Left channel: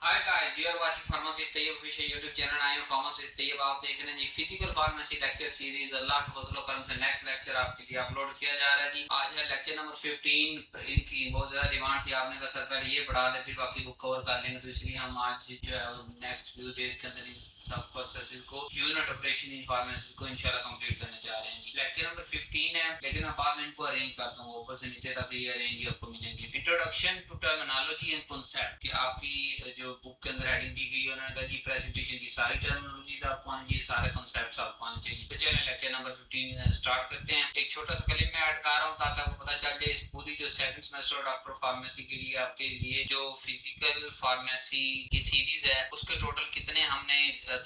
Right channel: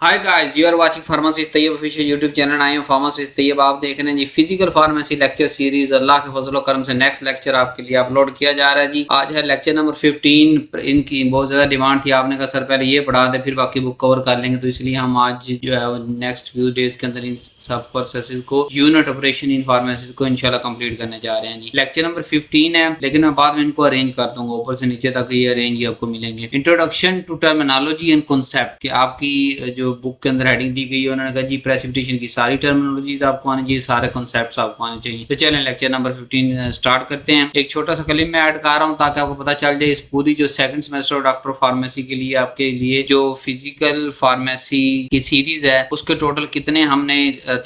Hi guys, you are watching pharmacist Tayyab official YouTube channel. I am pharmacist Tayyab. आप देख रहे हैं जी physical pharmacy lecture series. Allah के फजल करम से नेक्स्ट लेक्चर आपके लिए अपलोड किया जा रहा है जी। आज है लेक्चर नंबर 15। इनकी बहुत ज्यादा डिमांड थी, आपने कहा सर पहले ये पढ़ा दे फिर बाकी बुक कवर कर लेंगे, तो इसलिए हम आज जो है नेक्स्ट फ्यू डेज के अंदर इन सब प्रोसेसेस को यूनिट ऑपरेशन इन फार्मेसी को इंशाल्लाह कंप्लीट करने जा रहे हैं जी। लेक्चर नंबर 15 है, लेकिन मैं बाद में इनको अरेंज कर दूंगा, ऊपर से नीचे तक ये अरेंज ही आपको मिलेंगे। Introduction to terminology and concept कि आपकी जो बुक के अंदर हेडिंग दी गई है, उन्होंने कहा जी प्रेसिपिटेशन की सारी टर्मिनोलॉजीज आपको आनी चाहिए, सारे कॉन्सेप्ट्स आपको आने चाहिए। तो चलें लेक्चर नंबर 15 स्टार्ट करते हैं। एक छोटा सा क्लिप में ऐड कर रहा हूँ ताकि आपको पता चल जाए इस पूरी जो सेकंड सेमेस्टर डॉक्टर फार्मेसी के लिए आपके लिए जो फिजिकल फार्मेसी की सीरीज है उसके टोटल कितने हमने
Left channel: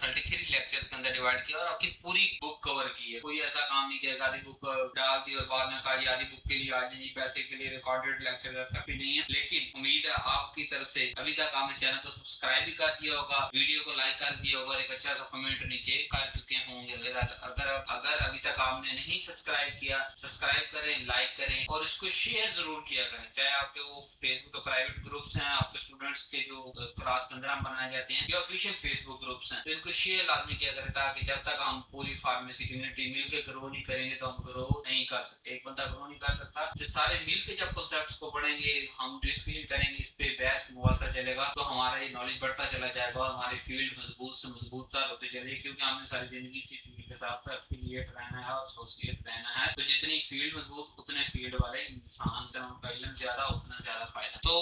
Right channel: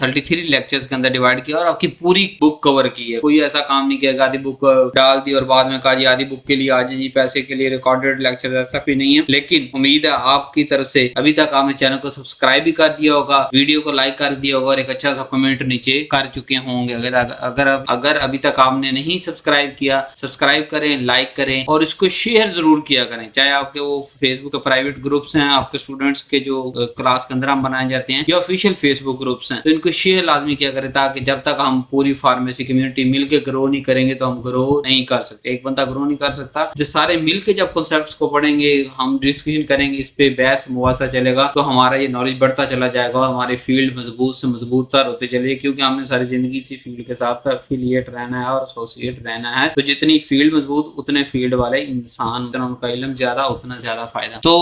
33 लेक्चर्स के अंदर डिवाइड किया और आपकी पूरी बुक कवर की है। कोई ऐसा काम नहीं किया आधी बुक डाल दी और बाद में कहा जी आधी बुक के लिए आ जाइए, पैसे के लिए रिकॉर्डेड लेक्चर, ऐसा भी नहीं है। लेकिन उम्मीद है आपकी तरफ से अभी तक आपने चैनल को सब्सक्राइब भी कर दिया होगा, वीडियो को लाइक कर दिया होगा और एक अच्छा सा कमेंट नीचे कर चुके होंगे। अगर अगर अगर अभी तक आपने नहीं सब्सक्राइब किया, सब्सक्राइब करें, लाइक करें और इसको शेयर जरूर किया करें। चाहे आपके वो फेसबुक के प्राइवेट ग्रुप्स हैं, आपके स्टूडेंट्स के जो क्लास के अंदर हम बनाए जाते हैं, या ऑफिशियल फेसबुक ग्रुप्स हैं, तो इनको शेयर लाजमी किया करें, ताकि जब तक हम पूरी फार्मेसी कम्युनिटी मिलकर ग्रो नहीं करेंगे तो हम ग्रो नहीं कर सकते। एक बंदा ग्रो नहीं कर सकता। जो सारे मिलकर जब कॉन्सेप्ट्स को पढ़ेंगे, हम डिस्कशन करेंगे, इस पे बहस मुबासा चलेगा, तो हमारा ये नॉलेज बढ़ता चला जाएगा और हमारे फील्ड मजबूत से मजबूत तर होते चले, क्योंकि हमने सारी जिंदगी इसी फील्ड के साथ एफिलिएट रहना है और एसोसिएट रहना है। तो जितनी फील्ड मजबूत उतने फील्ड वाले इंसान, उतना उनका इल्म ज्यादा उतना ज्यादा फायदा। तो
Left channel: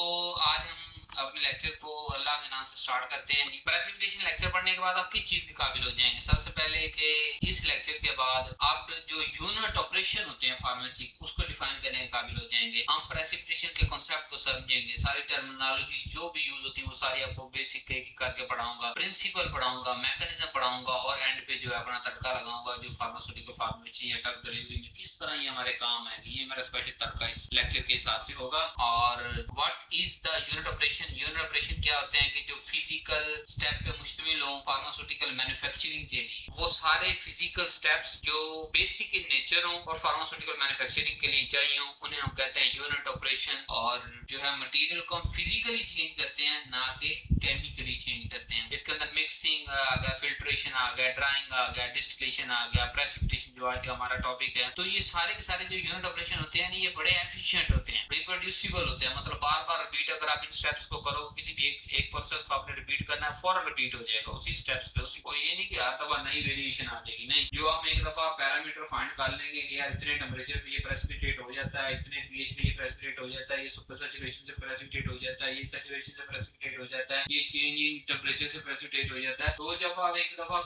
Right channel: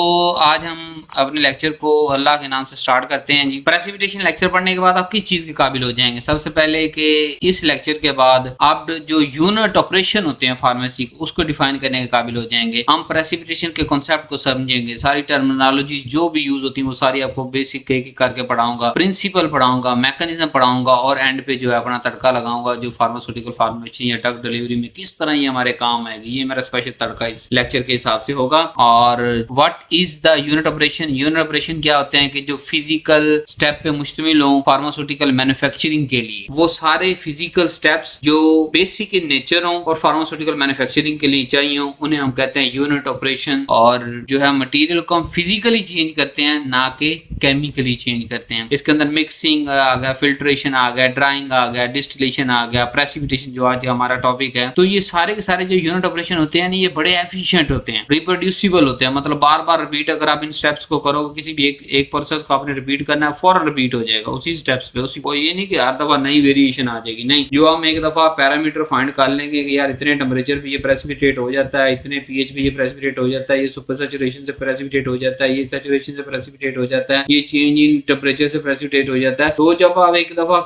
आज हम अपने लेक्चर को अल्लाह के नाम से स्टार्ट करते हैं जी। प्रेसिपिटेशन लेक्चर पढ़ने के बाद आप किस चीज के काबिल हो जाएंगे? सबसे पहले कि इस लेक्चर के बाद आप जो यूनिट ऑपरेशन होते हैं फार्मेसी उसको डिफाइन करने के काबिल हो जाएंगे। हम प्रेसिपिटेशन के कॉन्सेप्ट को समझेंगे, सारी टर्मिनोलॉजी जो भी यूज होती है वो सारी आपको बेसिक एक करके पढ़ाऊंगा, प्रिंसिपल पढ़ाऊंगा, मैकेनिज्म पढ़ाऊंगा और एंड पे जो है अपना तड़का लगाऊंगा जो फार्मास्यूटिकल फार्मेसी या ड्रग डिलीवरी में किस तरह ये हमारे काम आएगी। ये मेरा स्पेशल तड़का इस लेक्चर के हिसाब से होगा। और what is the unit operation? Unit operation क्या होते हैं कि जो फिजिकल स्टेप पे मुश्तमिल हो फार्मास्यूटिकल मैन्युफैक्चरिंग के लिए, वो सारे फिजिकल स्टेप्स जो बेसिक इन नेचर हो और फार्मास्यूटिकल मैन्युफैक्चरिंग के लिए चाहिए हो, उन्हें हम कहते हैं यूनिट ऑपरेशन। और जो है मटेरियल को हम फिजिकली चेंज करते हैं, ना कि केमिकली चेंज करते हैं। इसके अंदर मिक्सिंग आ गया, फिल्ट्रेशन आ गया, ड्राइंग आ गया, डिस्टिलेशन आ गया, प्रेसिपिटेशन जो आज हमारा टॉपिक है। तो ये सारे के सारे जो यूनिट ऑपरेशन होते हैं ये बड़े एफिशिएंट होते हैं, रिप्रोड्यूसिबल होते हैं। मतलब बार बार रिपीट अगर आप इन स्टेप्स को करोगे, किसी भी एक प्रोसेस को आपने रिपीट करना है, फौरन रिपीट हो जाएगा उसी स्टेप्स पे। उसी को ये नहीं कि हर दफा नई वेरिएशन आ जाएगी, नहीं। जो हम एक दफा पैरामीटर फाइंड कर लेंगे कि यार इतने टेम्परेचर पे ये प्रेसिपिटेट हो जाता है, इतने पीएच पे ये प्रेसिपिटेट हो जाता है, ये सुपर सैचुरेशन से प्रेसिपिटेट हो जाता है, ये सैचुरेशन से प्रेसिपिटेट हो जाता है, ये चेंज इन टेम्परेचर से प्रेसिपिटेट हो जाता है। तो जब आप एक दफा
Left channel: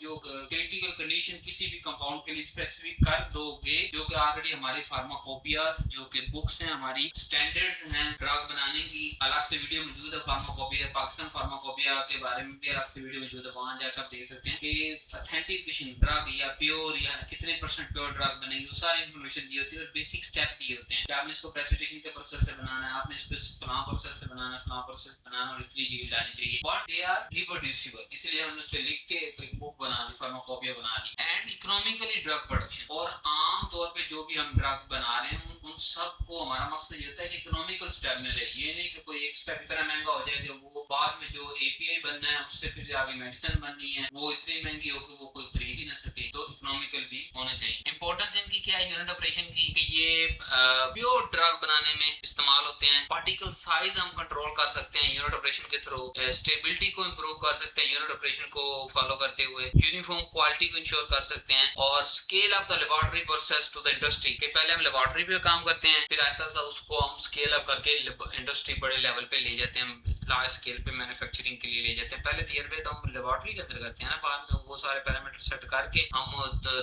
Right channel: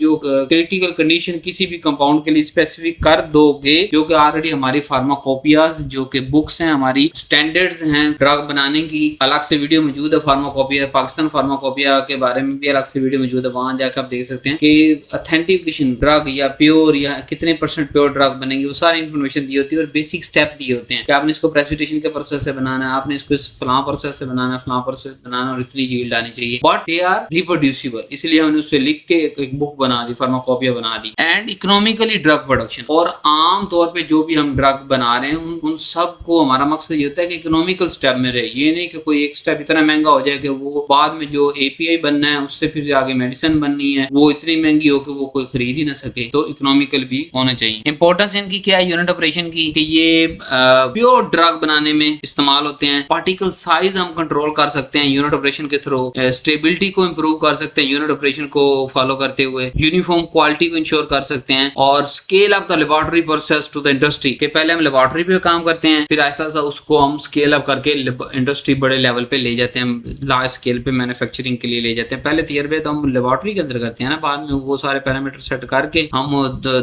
जो क्रिटिकल कंडीशन किसी भी कंपाउंड के लिए स्पेसिफिक कर दोगे, जो कि ऑलरेडी हमारी फार्माकोपियाज जो कि बुक्स हैं, हमारी स्टैंडर्ड्स हैं ड्रग बनाने की, अलग से वीडियो मौजूद है फार्माकोपिया, पाकिस्तान फार्माकोपिया के बारे में भी अलग से वीडियो मौजूद है, वहां जाकर आप देख सकते हैं कि ऑथेंटिकेशन ड्रग या प्योर या कितने परसेंट प्योर ड्रग बनेगी, वो सारी इन्फॉर्मेशन दी होती है और बेसिक स्टेप दिए होते हैं कि आपने इसको प्रेसिपिटेशन के प्रोसेस से बनाना है, आपने इसको फलां प्रोसेस से बनाना है, फलां प्रोसेस बनाना और इतनी यील्ड आनी चाहिए, बट दे आर रिप्रोड्यूसिबल। इसलिए हमने उससे लिख के एक बुक बना दी, फार्माकोपिया बना दी। एंड इकोनॉमिकली ड्रग प्रोडक्शन, और आम तौर पे जो भी हम ड्रग बना रहे हैं उन सब को हमारा मकसद ये होता है कि इकोनॉमिकल स्टेप में रहे। ये नहीं कि कोई एक स्टेप इतना महंगा हो जाए कि वो बाद में जो एपीआई बनना है उससे फिर आगे मेडिसिन बननी है वो इतनी महंगी हो कि वो कोई खरीद ही ना सके। तो इकोनॉमिकल भी होना चाहिए। इंपॉर्टेंस इनकी क्या है यूनिट ऑपरेशन की कि ये प्योर ड्रग बनाने में इस्तेमाल होते हैं। पार्टिकल साइज हम कंट्रोल कर सकते हैं यूनिट ऑपरेशन के थ्रू, स्टेबिलिटी को इंप्रूव कर सकते हैं यूनिट ऑपरेशन को फॉलो करते हुए, यूनिफॉर्म क्वालिटी को इंश्योर कर सकते हैं और scale up the laboratory process to the industry के पहले हम लेबोरेटरी पे काम करते हैं, फिर ऐसा ऐसा उसको हम स्केल अप करके इंडस्ट्री बड़े लेवल पे ले जाते हैं, लार्ज स्केल पे मैन्युफैक्चरिंग के लिए ले जाते हैं। पहले तजर्बे तो हम लेबोरेटरी के अंदर करते हैं ना, बाद में वो सारे पैरामीटर सेट करके हम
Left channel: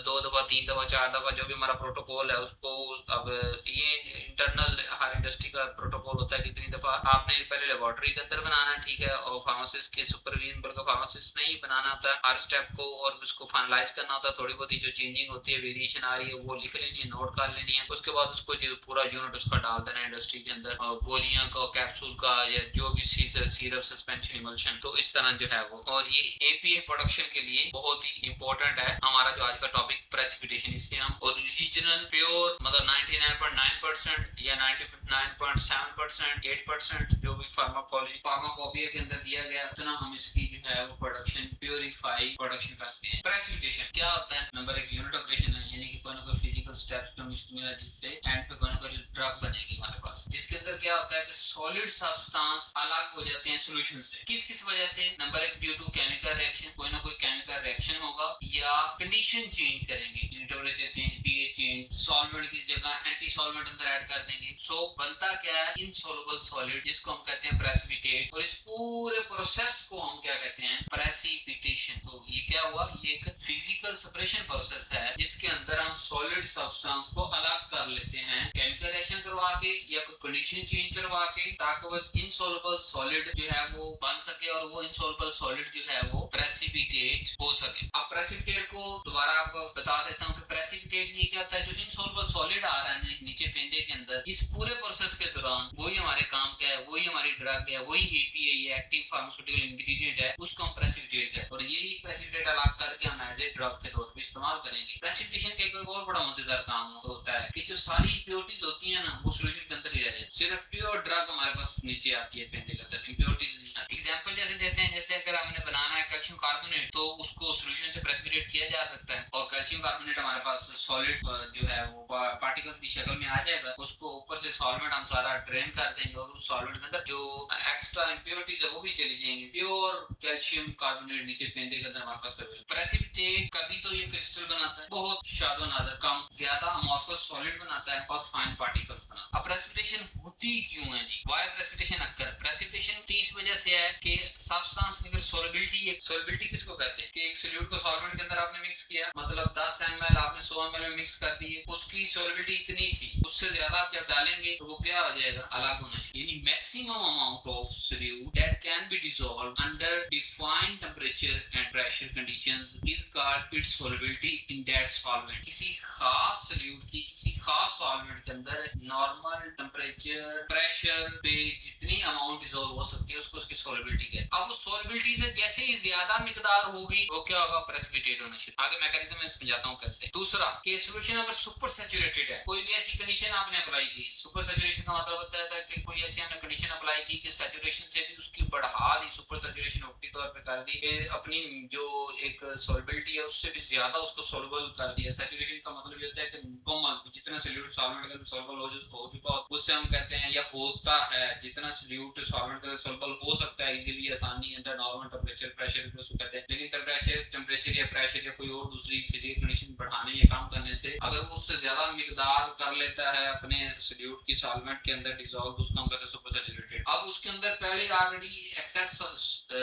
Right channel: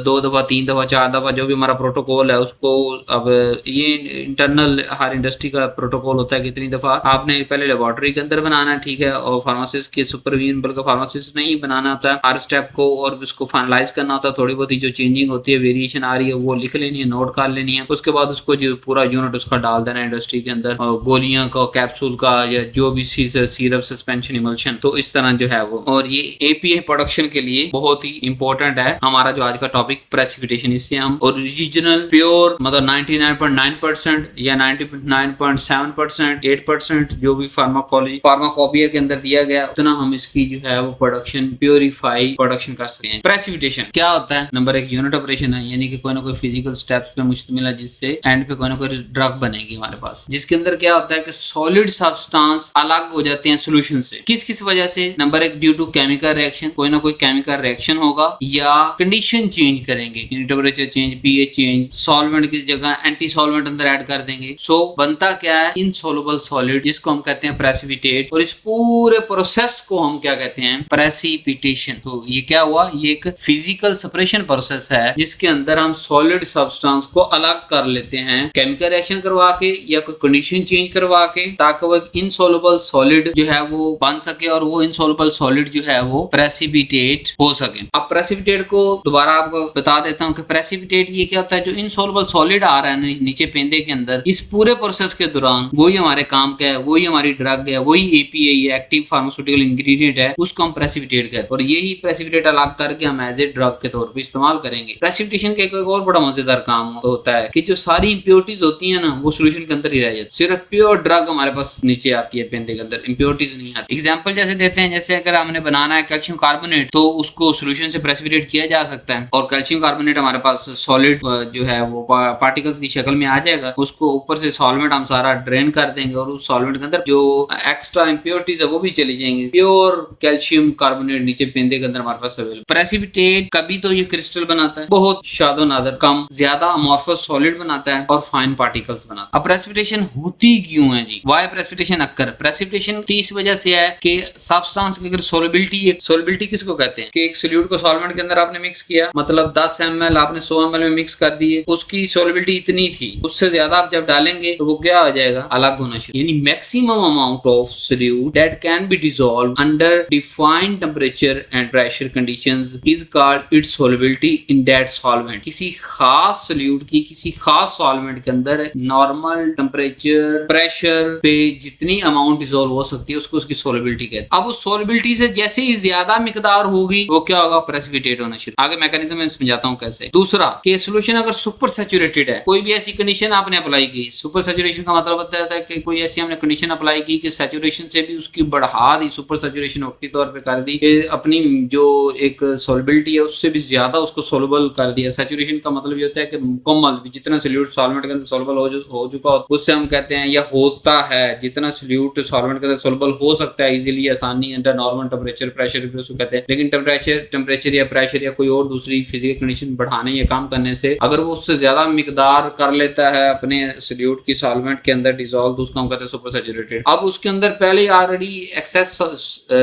2 दफा 3 दफा 4 दफा जो भी हमारा प्रोटोकॉल है उसको, अब ये इंटरनल हर इंडस्ट्री का प्रोटोकॉल होता है कि इतनी दफा आपने पहले लेबोरेटरी के अंदर बनाना है, ठीक है, और फार्मासिस्ट के सुपरविजन बल्कि फार्मासिस्ट नहीं बनाना होता है हर स्टेप को और उसको फाइनलाइज करना होता है। थोड़ी बहुत जो चेंजिंग होती है, वेरिएशन आ रही है, वो लिख लेनी है, नोट कर लेनी है। उसके बाद उसको जो पूरा यूनिट उसका डाल देना है इंडस्ट्री के अंदर, गोलियां का, कैप्सूल का या जो भी सीरप, सस्पेंशन, इमल्शन, तो इस तरह जो है वो। और ये एपीआई प्रोडक्शन के लिए बहुत ही इंपॉर्टेंट है हमारा जो आज का टॉपिक प्रेसिपिटेशन। इससे हम ओरिजिनल प्योर मतलब 99.9% या 99.7%, 8% जो भी फार्माकोलॉजी फार्माकोपिया के अंदर दिया गया उतना हम इसकी जो है वो प्रोडक्शन प्योरीफाई प्रोडक्शन कर सकते हैं। प्रेसिपिटेशन क्या होता है? नंबर एक यूनिट ऑपरेशन है, यानी कि कोई ना कोई फिजिकल स्टेप्स पे मुश्तमिल है जिससे एंड पे कोई ना कोई ड्रग बनेगी हमारे पास, जिसके अंदर क्या होता है कि सॉलिड सब्सटेंस अलग हो जाते हैं सोल्यूशन से। किस किस वजह से? नंबर एक ड्यू टू केमिकल रिएक्शन, कोई ना कोई केमिकल रिएक्शन होगा, या कंडीशन चेंज करेंगे, temperature change, pH change, solvent की जगह एंटी सॉल्वेंट अंदर ऐड कर देंगे। सो बनता क्या है? इनसॉल्युबल सॉलिड, जिसको हम कहते हैं प्रेसिपिटेट। और इस पूरे प्रोसेस को हम क्या कहते हैं? प्रेसिपिटेशन। तो ये क्या हुआ? ये एक फिजिकल सेपरेशन प्रोसेस है जिसके अंदर हम सॉलिड सब्सटेंस को अलग कर लेते हैं केमिकल रिएक्शन करवा के या कोई कंडीशन चेंज करवा के, ताकि वो एक इनसॉल्युबल सॉलिड जो है वो बन सके और वो इनसॉल्युबल सॉलिड जो है वो प्रेसिपिटेट हो सके। अब प्रेसिपिटेट को दोबारा आपको बता देता हूँ कि प्रेसिपिटेट ये क्या होता है? जो इनसॉल्युबल सॉलिड आ रहा है नीचे पेंदे के अंदर, इस पूरे प्रोसेस के दौरान वही हमारे काम का है, वही हमारी ड्रग है, वही एपीआई है, एक्टिव फार्मास्यूटिकल इंग्रेडिएंट है, उसको हम प्रेसिपिटेट कहते हैं। और यही प्रेसिपिटेट अलग करके हम एज ए ड्रग के तौर पे इस्तेमाल करेंगे। प्रेसिपिटेशन का एक और बड़ा मजेदार काम होता है कि जो सारी इंप्योरिटीज होती है ना वो सोल्यूशन के अंदर ही रह जाती है, सिर्फ प्योर ड्रग हमारे पास नीचे आती है पेंदे के अंदर, इंप्योरिटीज नहीं आती। एग्जांपल जैसे देते हैं, जैसे अगर हमने बनाना है कैल्शियम कार्बोनेट तो उसको सोल्यूशन से प्रेसिपिटेट किया जा सकता है और कैल्शियम कार्बोनेट हमारे पास सॉलिड जो है वो पार्टिकल्स की शक्ल में आ जाएगा। उसको ऊपर से सॉल्वेंट हम सारा ड्रेन कर देंगे और उस सॉल्वेंट के अंदर जो एक्स्ट्रा इंप्योरिटीज है वो भी चली जाएंगी। प्योर कैल्शियम कार्बोनेट नीचे पेंदे के अंदर हमारे पास अवेलेबल। प्रेसिपिटेट कभी तो ये क्रिस्टल बनाता है, बहुत शादो नादर कम, ज्यादा अमॉर्फस सॉलिड बनाता है और फाइन पार्टिकल्स बनाता है। अब प्रेसिपिटेशन होती क्यों है जी? Why precipitation occur? प्रेसिपिटेशन इस वजह से है कि सब्सटेंस की अगर सोलिबिलिटी किसको कहते हैं कि एक सोल्यूट को सॉल्वेंट के अंदर आपने मिक्स किया, मतलब 10 ml आपने 100 ml में मिक्स कर दिए, उसकी सोलिबिलिटी इतनी थी, उससे ज्यादा आप जब डालेंगे तो वो क्या हो जाएगा? अलग होना शुरू। यानी maximum amount of solute that can be dissolve under defined temperature and pressure conditions is called its solubility in that solvent. किसी खास सोल्यूट की किसी खास सॉल्वेंट के अंदर नॉर्मल टेम्परेचर प्रेशर पे जितनी अमाउंट डिसॉल्व हो सकती है उसको उसकी सोलिबिलिटी कहते हैं। अब उस सोलिबिलिटी से जैसे ही ज्यादा मिकदार होगी वो क्या होगा? प्रेसिपिटेट होना शुरू। आगे मैकेनिज्म में समझाता हूँ कैसे। दूसरा कि सोल्यूशन अगर सुपर सैचुरेटेड है, कोई भी ऐसी कंडीशन आपने अप्लाई की, सुपर सैचुरेशन का मतलब होता है कि कोई ऐसी हमने कंडीशन अप्लाई की कि सैचुरेशन से भी उसकी बढ़ा दी, सुपर सैचुरेशन वक्ती तौर पे कर दी, अपनी जो एक सोलिबिलिटी है उससे भी ज्यादा उसको सोलबल कर दिया। सैचुरेशन का मतलब ये होता है कि मुकम्मल जितना सोल्यूट सॉल्वेंट के अंदर सोलबल हो चुका हो उससे हम कहते हैं या होता है, जितना सोल्यूट सॉल्वेंट के अंदर सोलबल हो सकता है इजीली आसानी अंडर नॉर्मल टेम्परेचर प्रेशर भी उसको कहते हैं। लेकिन टेम्परेचर या प्रेशर या कोई और दूसरी फिजिकल कंडीशन बढ़ाने या काम करने से अगर वो उससे ज्यादा मिकदार कर लेता है अपने सोल्यूट की सॉल्वेंट के अंदर डिसॉल्व, तो उसको हम कहते हैं सुपर सैचुरेटेड। अब उसके अंदर पहले ऑलरेडी एक्सेस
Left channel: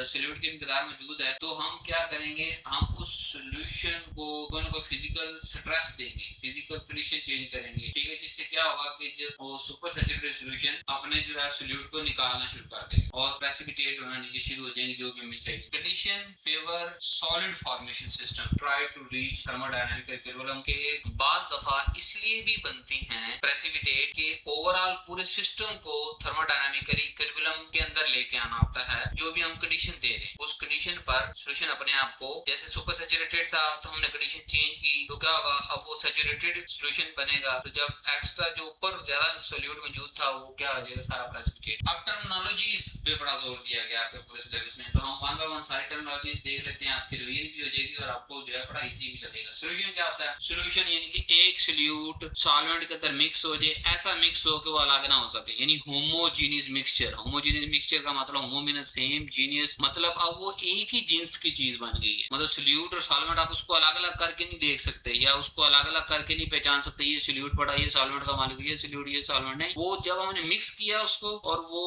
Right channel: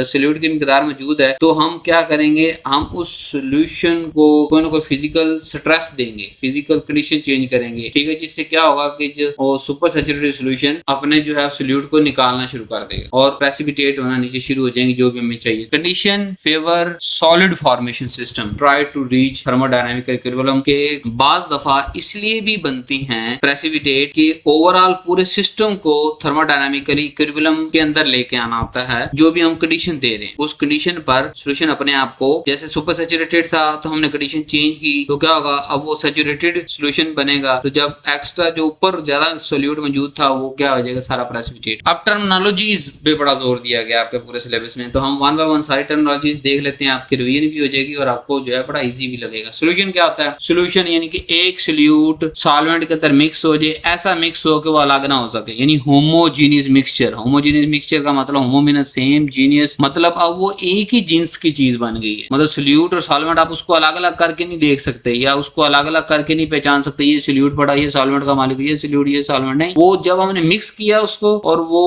सोल्यूट की मिकदार मौजूद है, तो हम क्या करेंगे? हम उस सोल्यूशन को कोई ना कोई फिजिकल स्ट्रेस देंगे, फिजिकल कंडीशन चेंज करेंगे, ठीक है, जिससे क्या होगा कि जो सुपर सैचुरेटेड सोल्यूशन अपने जो है सोल्यूट को निकालना शुरू कर देगा और प्रेसिपिटेट होना नीचे शुरू हो जाएंगे जो भी हमें चाहिए। Condition favour solid formation system try to reach thermodynamic equilibrium के बाज दफा इसलिए भी बनती हैं प्रेसिपिटेट के ओवरऑल पूरे सिस्टम को थर्मोडायनामिकली इक्विलिब्रियम के अंदर लेके आना होता है। जो भी हम कंडीशन दे रहे हैं उस कंडीशन पर सोल्यूशन अपने आप को, जैसे सुपर सैचुरेटेड था तो हमने कंडीशन चेंज की तो क्या होगा? अब वो सैचुरेटेड सोल्यूशन बनेगा, तो जब एक्स्ट्रा जो ऊपर ज्यादा सोल्यूट मौजूद था वो क्या हो जाएगा? सारा प्रेसिपिटेट। अब टर्मिनोलॉजीज पे बड़ा जोर दिया गया आपके पूरे सिलेबस में, तो हम वन बाय वन सारी टर्मिनोलॉजीज देख लेते हैं, आपकी रिवीजन भी हो जाएगी और आपको जो है बड़ा इजी भी लगेगा। सोल्यूशन क्या होता है? सोल्यूशन यानी कि एक सोल्यूट सॉल्वेंट के अंदर मिक्स हो जाए, ऐसा मिक्स हो कि वो अलग ना हो सके, यानी होमोजीनियस मिक्सचर। होमोजीनियस मिक्सचर का मतलब होमोमिनस सेम, जीनियस मतलब अब वो एक ही जिन्स की चीज बन गई है। मतलब सोल्यूट और सॉल्वेंट आप उसको अलग अलग करके नहीं देख सकते या उसको अलग अलग करके नहीं पहचान सकते, ये सोल्यूट पड़ा, ये सॉल्वेंट का मालिक, ये सोल्यूट, ये सॉल्वेंट नहीं। वो जब हमने मिक्स किया उसको और वो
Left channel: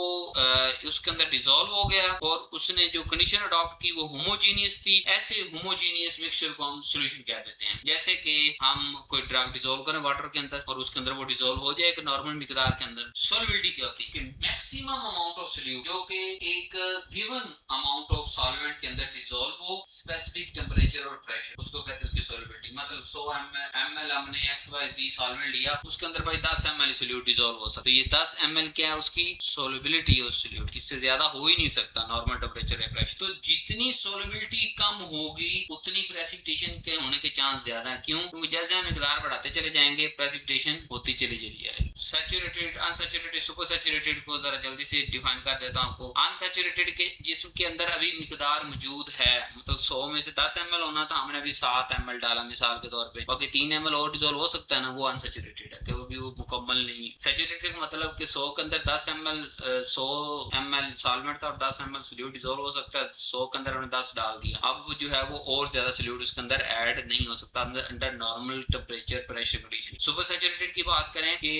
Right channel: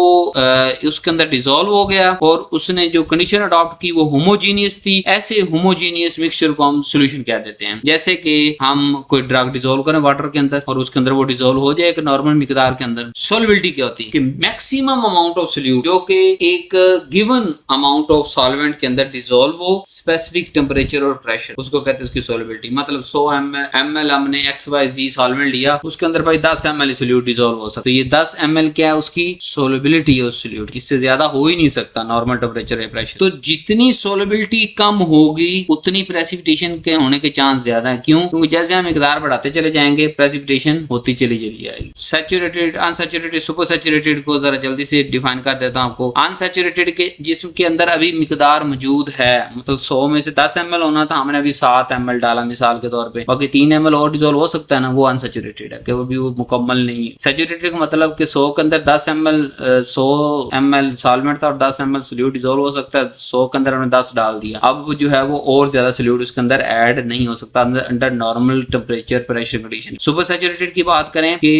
उसके अंदर डिसॉल्व हो गया और उसने जो कंडीशन अडॉप्ट की वो होमोजीनियस थी, ऐसे होमोजीनियस मिक्सचर को हम सोल्यूशन कह देते हैं। जैसे कि हम कोई ड्रग डिसॉल्व करें वाटर के अंदर और उसके अंदर वो डिसॉल्व हो जाए एक नॉर्मल मिकदार के अंदर, सॉल्युबिलिटी क्या होती है कि मैक्सिमम अमाउंट ऑफ सोल्यूट जो कि एक गिवन अमाउंट ऑफ सॉल्वेंट के अंदर डिसॉल्व हो स्पेसिफिक टेम्परेचर और प्रेशर, उसको कहते हैं उसकी सॉल्युबिलिटी। मतलब 100 ml हमने XYZ सॉल्वेंट लिया, उसके अंदर भाई 10 ml सोल्यूट डिसॉल्व हो सकता, तो ये 10 ml क्या है? उसकी सॉल्युबिलिटी है उस सोल्यूट की, इससे ज्यादा हो ही नहीं सकता नॉर्मल टेम्परेचर या प्रेशर। तो जितनी सॉल्युबिलिटी कम होगी उतनी प्रेसिपिटेशन के होने के चांस ज्यादा है। क्यों? क्योंकि जैसे हम मिकदार बढ़ाते चले जाएंगे प्रेसिपिटेशन होती चली जाएगी। सैचुरेटेड, अनसैचुरेटेड, सुपर सैचुरेटेड को जरा जल्दी से डिफाइन कर देता हूं आपको। अनसैचुरेटेड के जिस्म के अंदर अभी मिकदार मौजूद है, मतलब 100 में से 10 ml होना था, हमने अभी 7 ml डाला मिसाल के तौर पे, बाकी 3 ml और डिजोल्व हो सकता है ना, वो अनसैचुरेटेड है कि वो भी वो मुकम्मल नहीं। सैचुरेटेड का मतलब कि 100 के अंदर 10 ml 100 ml सॉल्वेंट था और 10 ml सोल्यूट डिजोल्व हो सकता है, 100 के अंदर हमने 10 डाल दिया, अब वो जो है वो और ज्यादा सोल्यूट उसके अंदर ऐड नहीं हो सकता under normal temperature pressure condition. Super saturated की बात करें कि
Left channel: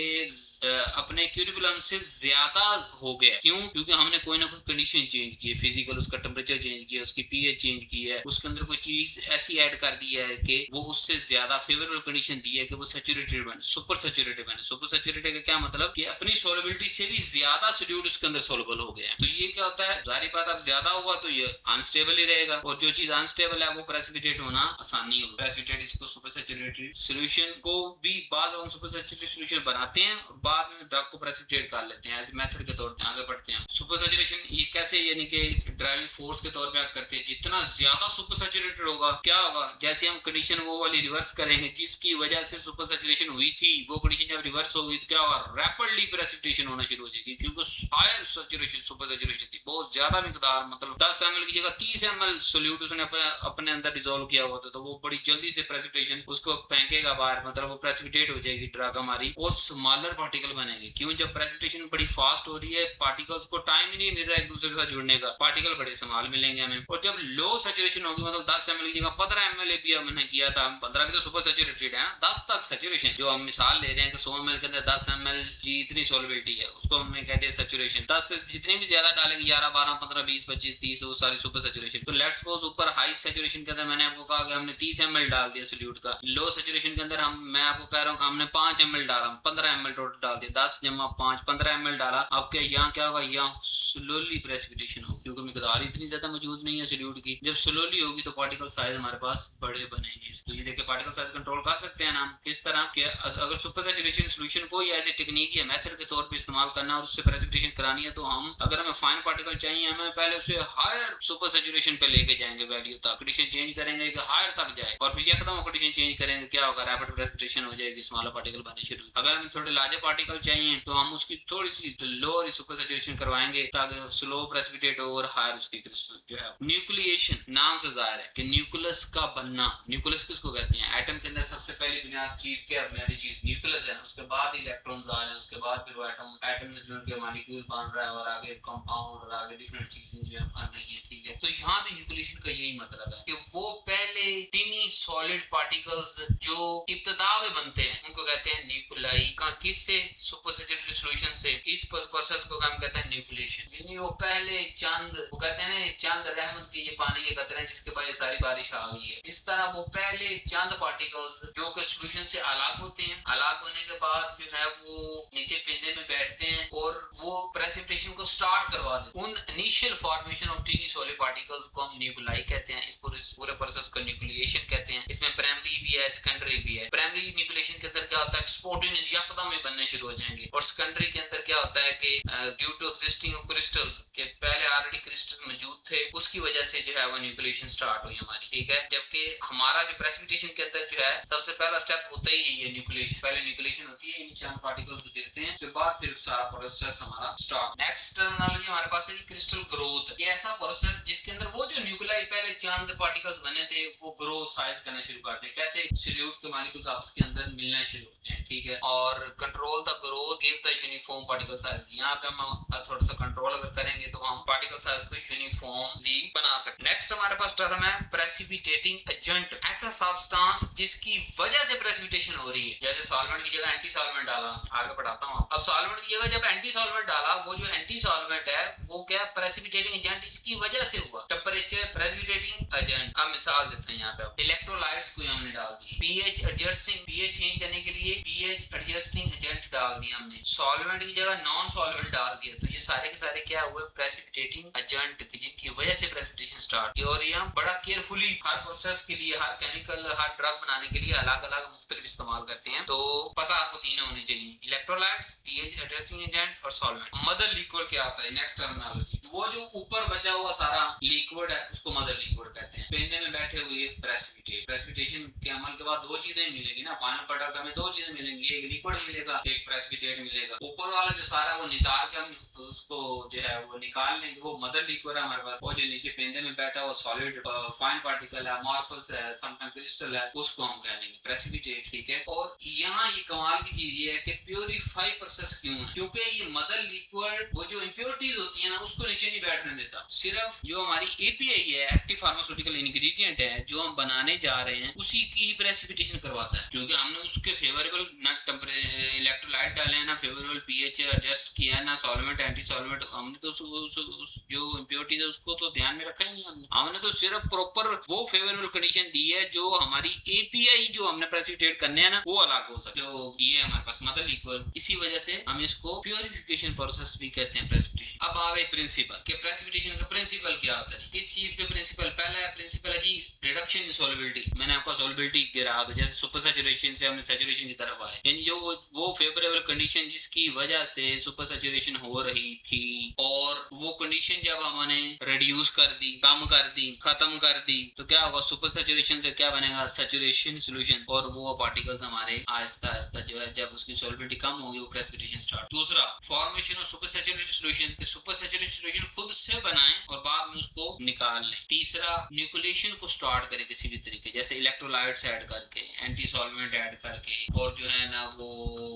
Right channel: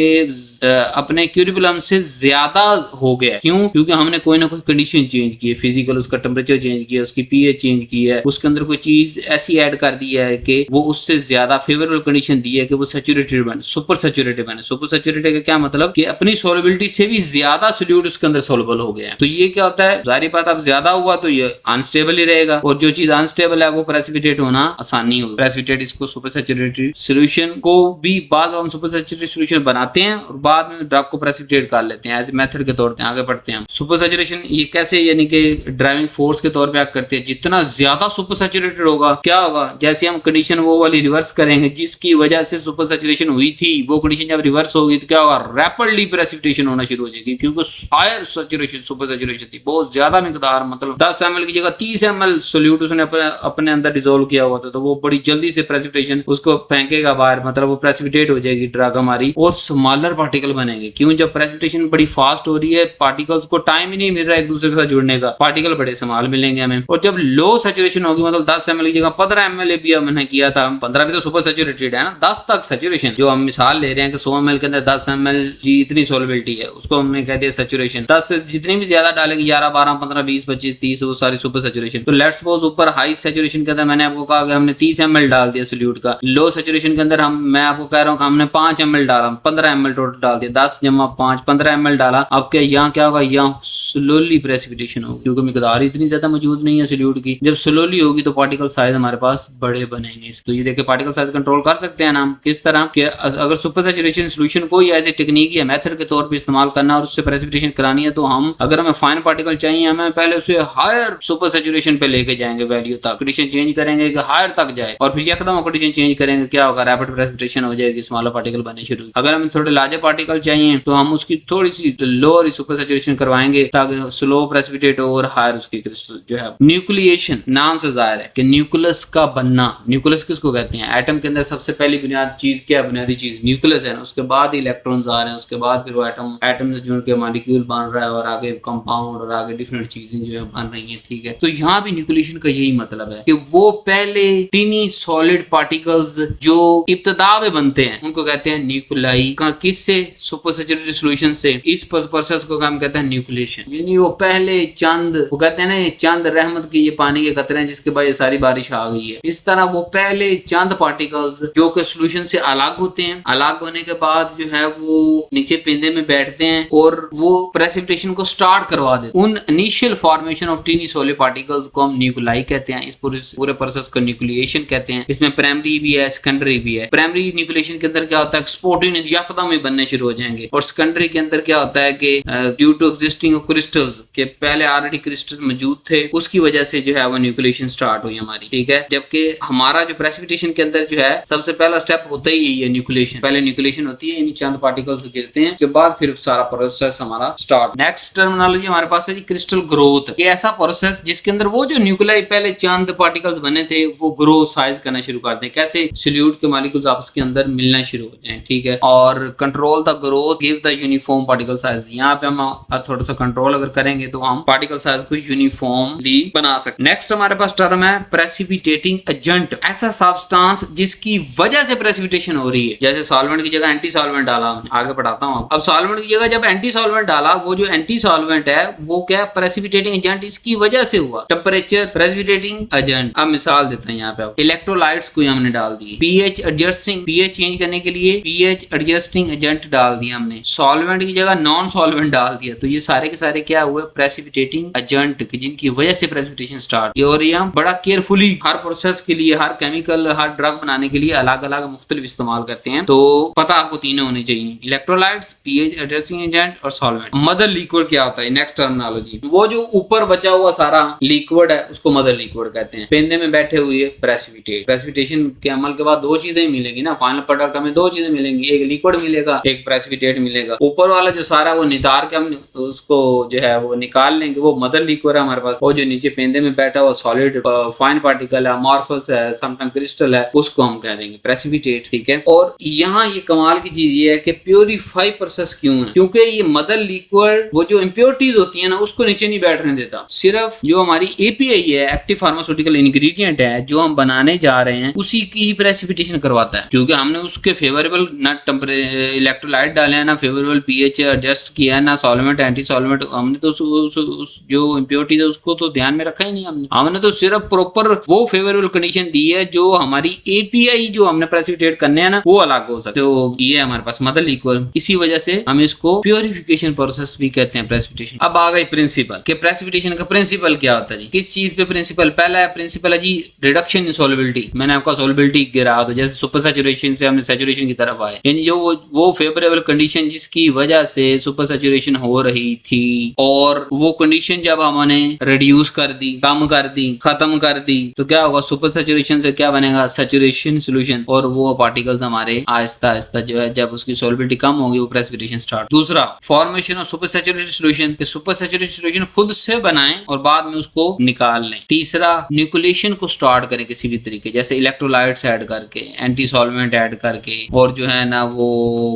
अपने क्यूरिकुलम से ज्यादा हो गया, क्यों? क्योंकि हमने कोई ना कोई कंडीशन चेंज की है, फिजिकल उसका टेम्परेचर चेंज किया, उसकी पीएच चेंज की है, उसके अंदर कोई चीज ऐसी ऐड कर दी है कि वो उससे ज्यादा फेवरेबल कंडीशन दी है कि वो सैचुरेटेड बने, सुपर सैचुरेटेड बने। सुपर सैचुरेटेड का क्या मतलब कि अपनी सोलबिलिटी से भी ज्यादा सोल्यूट उसके अंदर सोलबल हो गया है। तो ये क्या होता है, जारी बात अब ज्यादा हुआ तो ये अनस्टेबल ही रहेगा, और जो चीज अनस्टेबल है वो प्रेसिपिटेट होना आसानी होगी। प्रेसिपिटेट इसको सुपर सैचुरेटेड सॉल्यूशन को भी बाद हम सुपर सैचुरेटेड सॉल्यूशन बनाते हैं और बाद में ड्रग को प्रेसिपिटेट कर लेते हैं एज ए मेथड के तौर पे। आगे बढ़ते हैं हम। सुपर सैचुरेशन ये कैसे, यानी कि ड्राइविंग फोर्स के तौर पे आप करते हैं। जितना ज्यादा सुपर सैचुरेटेड होगा क्या होगा, जैसे हम कंडीशन वो वाली रिवर्स करेंगे जिसकी वजह से सुपर सैचुरेशन हुई थी, वो कंडीशन जब रिवर्स होगी तो क्या होगा, रैपिडली प्रेसिपिटेशन होना शुरू हो जाएगी, क्योंकि हायर सैचुरेशन सुपर सैचुरेशन थी, बहुत ज्यादा मिकदार, मतलब 10 ml की जगह 30 ml सोल्यूट उसने अपने अंदर डिसोल्व किया हुआ था, तो वो बड़ी जल्दी से प्रेसिपिटेशन उसको फेंकेगा बाहर, मतलब वो प्रेसिपिटेट हो जाएगी ड्रग हमारी, और स्मॉलर पार्टिकल बनेंगे। क्यों? जब प्रेसिपिटेशन बड़ी फास्ट हो रही है, पार्टिकल्स को टाइम ही नहीं मिल रहा है एक दूसरे के साथ जुड़ने का, पार्टिकल बड़े स्मॉल मिलेंगे हमें। और जब लो सैचुरेशन होगी, मतलब 10 ml की जगह 15 ml भी हमने किया था, 15 भी तो सुपर सैचुरेटेड है ना, 10 तक सैचुरेशन, जो हम मिसाल ले रहे हैं कि 100 ml के अंदर 10 ml जी इतनी सोलबिलिटी है, उसको हमने कह दिया सैचुरेशन। 10 से जितनी भी ज्यादा डालेंगे 11 12 15 20 25 30, वो सारी सुपर सैचुरेशन। तो लेट्स सपोज ऊपर हाई सैचुरेशन के अंदर मैंने आपको कहा कि हमने 30 ml डाल दिया सोल्यूट का, लो सैचुरेशन के अंदर मैं आपको कह रहा हूँ कि हमने 5 ml डाला, 15 ml टोटल डाल दिया, 10 जमा 5 15 ml डाला। अब क्या यहाँ क्या होगा, यहाँ स्लोली प्रेसिपिटेशन होगी, क्योंकि मिकदार इतनी ज्यादा मौजूद नहीं है सोल्यूट की। जब स्लोली होगी तो पार्टिकल साइज हमारे पास बड़े बनेंगे। तो ये देखिए पार्टिकल साइज कंट्रोल कर सकते हैं ना हम, किस तरह कि अगर सुपर सैचुरेशन सोल्यूशन को ही एज ए टेक्निक या मेथड के तौर पे इस्तेमाल करना और उससे प्रेसिपिटेशन करानी है, तो हम अगर हमें फाइन पार्टिकल चाहिए, हमें पहले उसे हायर सुपर सैचुरेशन पे लेके जाएंगे, वैल्यू तक कंडीशन चेंज करेंगे कि हायर तक जाए, और फिर यकदम कंडीशन चेंज करेंगे, क्या होगा, रैपिड प्रेसिपिटेशन हो जाएगी, स्मॉलर पार्टिकल बनने शुरू। अगर हमें थोड़े लार्जर पार्टिकल चाहिए तो हम उसकी थोड़ी सी लोअर सुपर सैचुरेशन करवाएंगे ताकि स्लो प्रेसिपिटेट हो और हायर उसकी क्रिस्टल जो है। न्यूक्लिएशन नाम से जाहिर है कि न्यूक्लियस का बनना। न्यूक्लियस किसको कहते हैं? एटम के अंदर सबसे पहली बुनियाद चीज क्या, बुनियादी चीज न्यूक्लियस है ना, उसके बाद इलेक्ट्रॉन्स आ रहे हैं, उसके बाद फिर वो एटम से जुड़ के मॉलिक्यूल बन रहा है, और आगे कंपाउंड और आगे डिफरेंट चीजें जो है बन रही हैं, ठीक है। तो यहाँ भी न्यूक्लिएशन का यही मतलब है कि वो पहले टीनी सॉलिड पार्टिकल्स जो इब्तदा में बनते हैं उनको कहते हैं न्यूक्लाई। किससे? सुपर सैचुरेटेड सॉल्यूशन से। इस प्रोसेस को हम कहते हैं न्यूक्लिएशन। यानी वो पहले चंद, वो कहते हैं ना ये चंद रहमत की ये पानी के कतरे हैं जिसके बाद ये सारी बारिश आ गई है, इस तरह वो पहले चंद पार्टिकल्स जो कि सॉल्यूशन से अलग होते हैं, अलग होने के बाद जो है वो नीचे पेंदे में बैठते हैं और वो प्रेसिपिटेशन को स्टार्ट करवा देते हैं। उन initial formation of tiny solid particles को हम न्यूक्लाई कहते हैं। इस पूरे प्रोसेस को न्यूक्लिएशन कहते हैं। इसमें प्राइमरी भी है, सेकेंडरी भी है। प्राइमरी न्यूक्लिएशन के अंदर क्या होता है, स्पोर्टिनस यकदम ही बनने शुरू हो जाएंगे, और सेकेंडरी के अंदर क्या होता है कि ड्यू टू एग्जिस्टिंग क्रिस्टल्स के पहले ऑलरेडी क्रिस्टल मौजूद थे, उसकी वजह से जो है वो न्यूक्लिएशन स्टार्ट हुई हमारी, ठीक है। जबकि हमारा जो प्रेसिपिटेशन के अंदर जो है सबसे पहला स्टेप होता ही यही है न्यूक्लिएशन। पहले न्यूक्लिएशन होती है, इन चंद पार्टिकल्स गिरते हैं, उसके बाद फिर सारा प्रोसेस हमारा स्टार्ट। नेक्स्ट टर्मिनोलॉजी हमारे पास है जी क्रिस्टल ग्रोथ। ये ऐसा प्रोसेस जिसके अंदर वो जो न्यूक्लियाई पहले चंद पार्टिकल्स बने थे वो ग्रो साइज करना शुरू करते हैं। कैसे? सोल्यूट के मॉलिक्यूल्स आपस के अंदर मिलना शुरू हो जाएं, ठीक है। और control the growth, give the uniform particle size. यहाँ पे हम थोड़ा सा कंट्रोल अगर करेंगे तो हम पार्टिकल साइज को यूनिफॉर्मली बना सकते। नेक्स्ट हमारे पास टर्म है प्रेसिपिटेटिंग एजेंट। ऐसा सब्सटेंस जिसकी वजह से प्रेसिपिटेशन हो रही है। जैसे सॉल्वेंट की जगह एंटी सॉल्वेंट डाला, हमने आगे पढ़ाता हूँ। अब सॉल्वेंट की जगह जब एंटी सॉल्वेंट डाला, वो जो एंटी सॉल्वेंट है वो क्या, प्रेसिपिटेटिंग एजेंट इसकी वजह से हुआ। Temperature precipitating agent. अब मिसाल देते हैं यहाँ पे, इलेक्ट्रोलाइट्स को हमने डाल दिए, पीएच एडजस्टिंग, पीएच चेंज करने के लिए पीएच एडजस्टिंग एजेंट डाल दिया हमने। सॉल्वेंट की जगह नॉन सॉल्वेंट डाल दिया, तो ये सारे के सारे क्या हुए, प्रेसिपिटेटिंग एजेंट, जिनकी वजह से प्रेसिपिटेशन स्टार्ट। और ये हम बड़ा केयरफुली हर प्रोसेस के लिए, हर केमिकल, हर ड्रग बनाने के लिए अलग अलग मुख्तलिफ इस्तेमाल करते हैं। तो पता आपको तीनों होने चाहिए, इलेक्ट्रोलाइट्स, पीएच एडजस्टिंग एजेंट और सॉल्वेंट। मदर लिक्विड क्या होता है? नेक्स्ट टर्मिनोलॉजी, वो जो ऊपर बचा हुआ सारा लिक्विड है उसको मदर लिक्विड कहते हैं। पेंदे में बैठे हुए प्रेसिपिटेट। प्रेसिपिटेशन के अमल के बाद दो चीजें मिलेंगी ना, फाइनल प्रोडक्ट हमें दो चीजें मिलेंगी, एक लिक्विड मिलेगा, एक प्रेसिपिटेट मिलेगा। ऊपर वाला जो सारा वो नितार के हम उसको जो है वो निकाल लेंगे, वो मदर लिक्विड है हमारे पास, और जो नीचे पेंदे में बैठा हुआ सॉलिड फाइन पार्टिकल है, अमॉर्फस है, समटाइम क्रिस्टल है, उसको हम कह देंगे प्रेसिपिटेट। ठीक है, और यहाँ ये कमाल की चीज ये है कि प्योरीफाई प्रोसेस क्यों है, क्योंकि ये मदर लिक्विड वो जो इम्प्योरिटीज होती है ना उसको नीचे नहीं बैठने देता, सिर्फ जो हमारी एपीआई है, एक्टिव फार्मास्यूटिकल इंग्रेडिएंट है, जो हम बनाने जा रहे हैं उसी की ही प्रेसिपिटेशन करवाता है, क्योंकि हमने उसके फेवरेबल ना इलेक्ट्रोलाइट डाले हैं, ना फेवरेबल पीएच एडजस्ट किया है, ना सॉल्वेंट एंटी सॉल्वेंट, हमने तो उस जो इम्प्योरिटीज है उसको तो ध्यान में रखा ही नहीं, हमने तो सिर्फ प्रॉपर वो फेवरेबल कंडीशन दी है जो हमारी एपीआई जो हमने प्रेसिपिटेट करने हैं ना वो अलग हो सकते, तो ये हमारे पास मदर लिक्विड, इसी वजह से हम इसको प्योरिफिकेशन प्रोसेस भी कहते हैं प्रेसिपिटेशन। अब आ गई प्रिंसिपल के प्रेसिपिटेशन का प्रिंसिपल क्या होता है जी, किस चीज पे प्रिंसिपल, पहला है प्रिंसिपल है जी रिडक्शन इन सॉल्युबिलिटी, मैंने आपका सॉल्युबिलिटी गिरा, तो जैसे सुपर सैचुरेशन से हमने सैचुरेशन की तरफ आए, यानी जो वो फेवरेबल कंडीशन जिसकी वजह से सुपर सैचुरेशन हो रही थी, और वो कंडीशन जब हमने रिड्यूस कर दी, कम कर दी, खत्म कर दी, तो क्या होगा, सुपर सैचुरेशन से क्या बनेगा, सैचुरेशन सॉल्यूशन, और वो पार्टिकल्स हमारे आहिस्ता आहिस्ता जो है जब उसकी सॉल्युबिलिटी कम होगी वो प्रेसिपिटेशन स्टार्ट। दूसरा formation of super saturated solution, super saturated solution खुद से बनाएं और बाद में उसको निकाल लें। तीसरा न्यूक्लिएशन को स्टार्ट करें किसी भी तरीके, जैसे इलेक्ट्रोलाइट्स ऐड करके, एंटी सॉल्वेंट ऐड करके, और जो है ना वो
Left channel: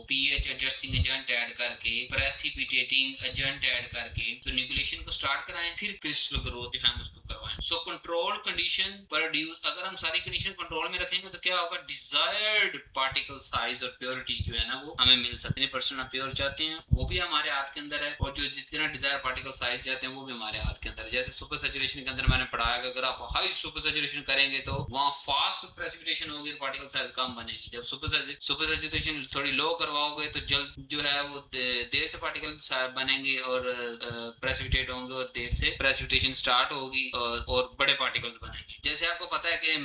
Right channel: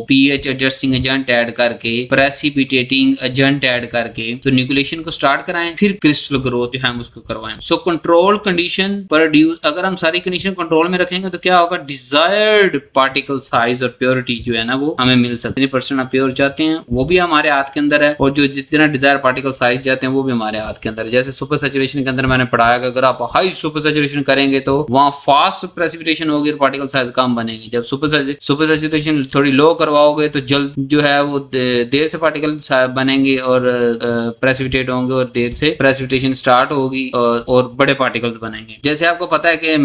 पीएच एडजस्टिंग एजेंट ऐड करके, प्रेसिपिटेटिंग एजेंट ऐड करके, तो न्यूक्लिएशन को स्टार्ट कराएं, फिर क्रिस्टल ग्रोथ जो है हम उसको करवाएं। सो कंट्रोल कंडीशन प्रोड्यूस, अगर हम सारी कंडीशन कंट्रोल में रखेंगे तो क्या होगा, डिजायर्ड पार्टिकल साइज और प्योरिटी जो है ना वो हमें मिल सकती है। % आप प्योर चाहते हैं वो भी हमारे हाथ के अंदर है, और जो जितना डिजायर पार्टिकल साइज चाहते हैं वो भी हमारे हाथ के अंदर है। जैसे सुपर सैचुरेशन के अंदर मैंने पढ़ाया कि अगर आप हाई सुपर सैचुरेशन करेंगे तो वहां फास्ट प्रेसिपिटेशन होगी और पार्टिकल साइज कम बनेगी, जब सुपर सैचुरेशन थोड़ी लो करवाओगे तो जल्द जो है वो देर से पार्टिकल बनेंगे और प्रेसिपिटेट होंगे, और देर से प्रेसिपिटेशन स्टार्ट होगी और बड़े पार्टिकल्स बनेंगे। जैसे आपको पता है कि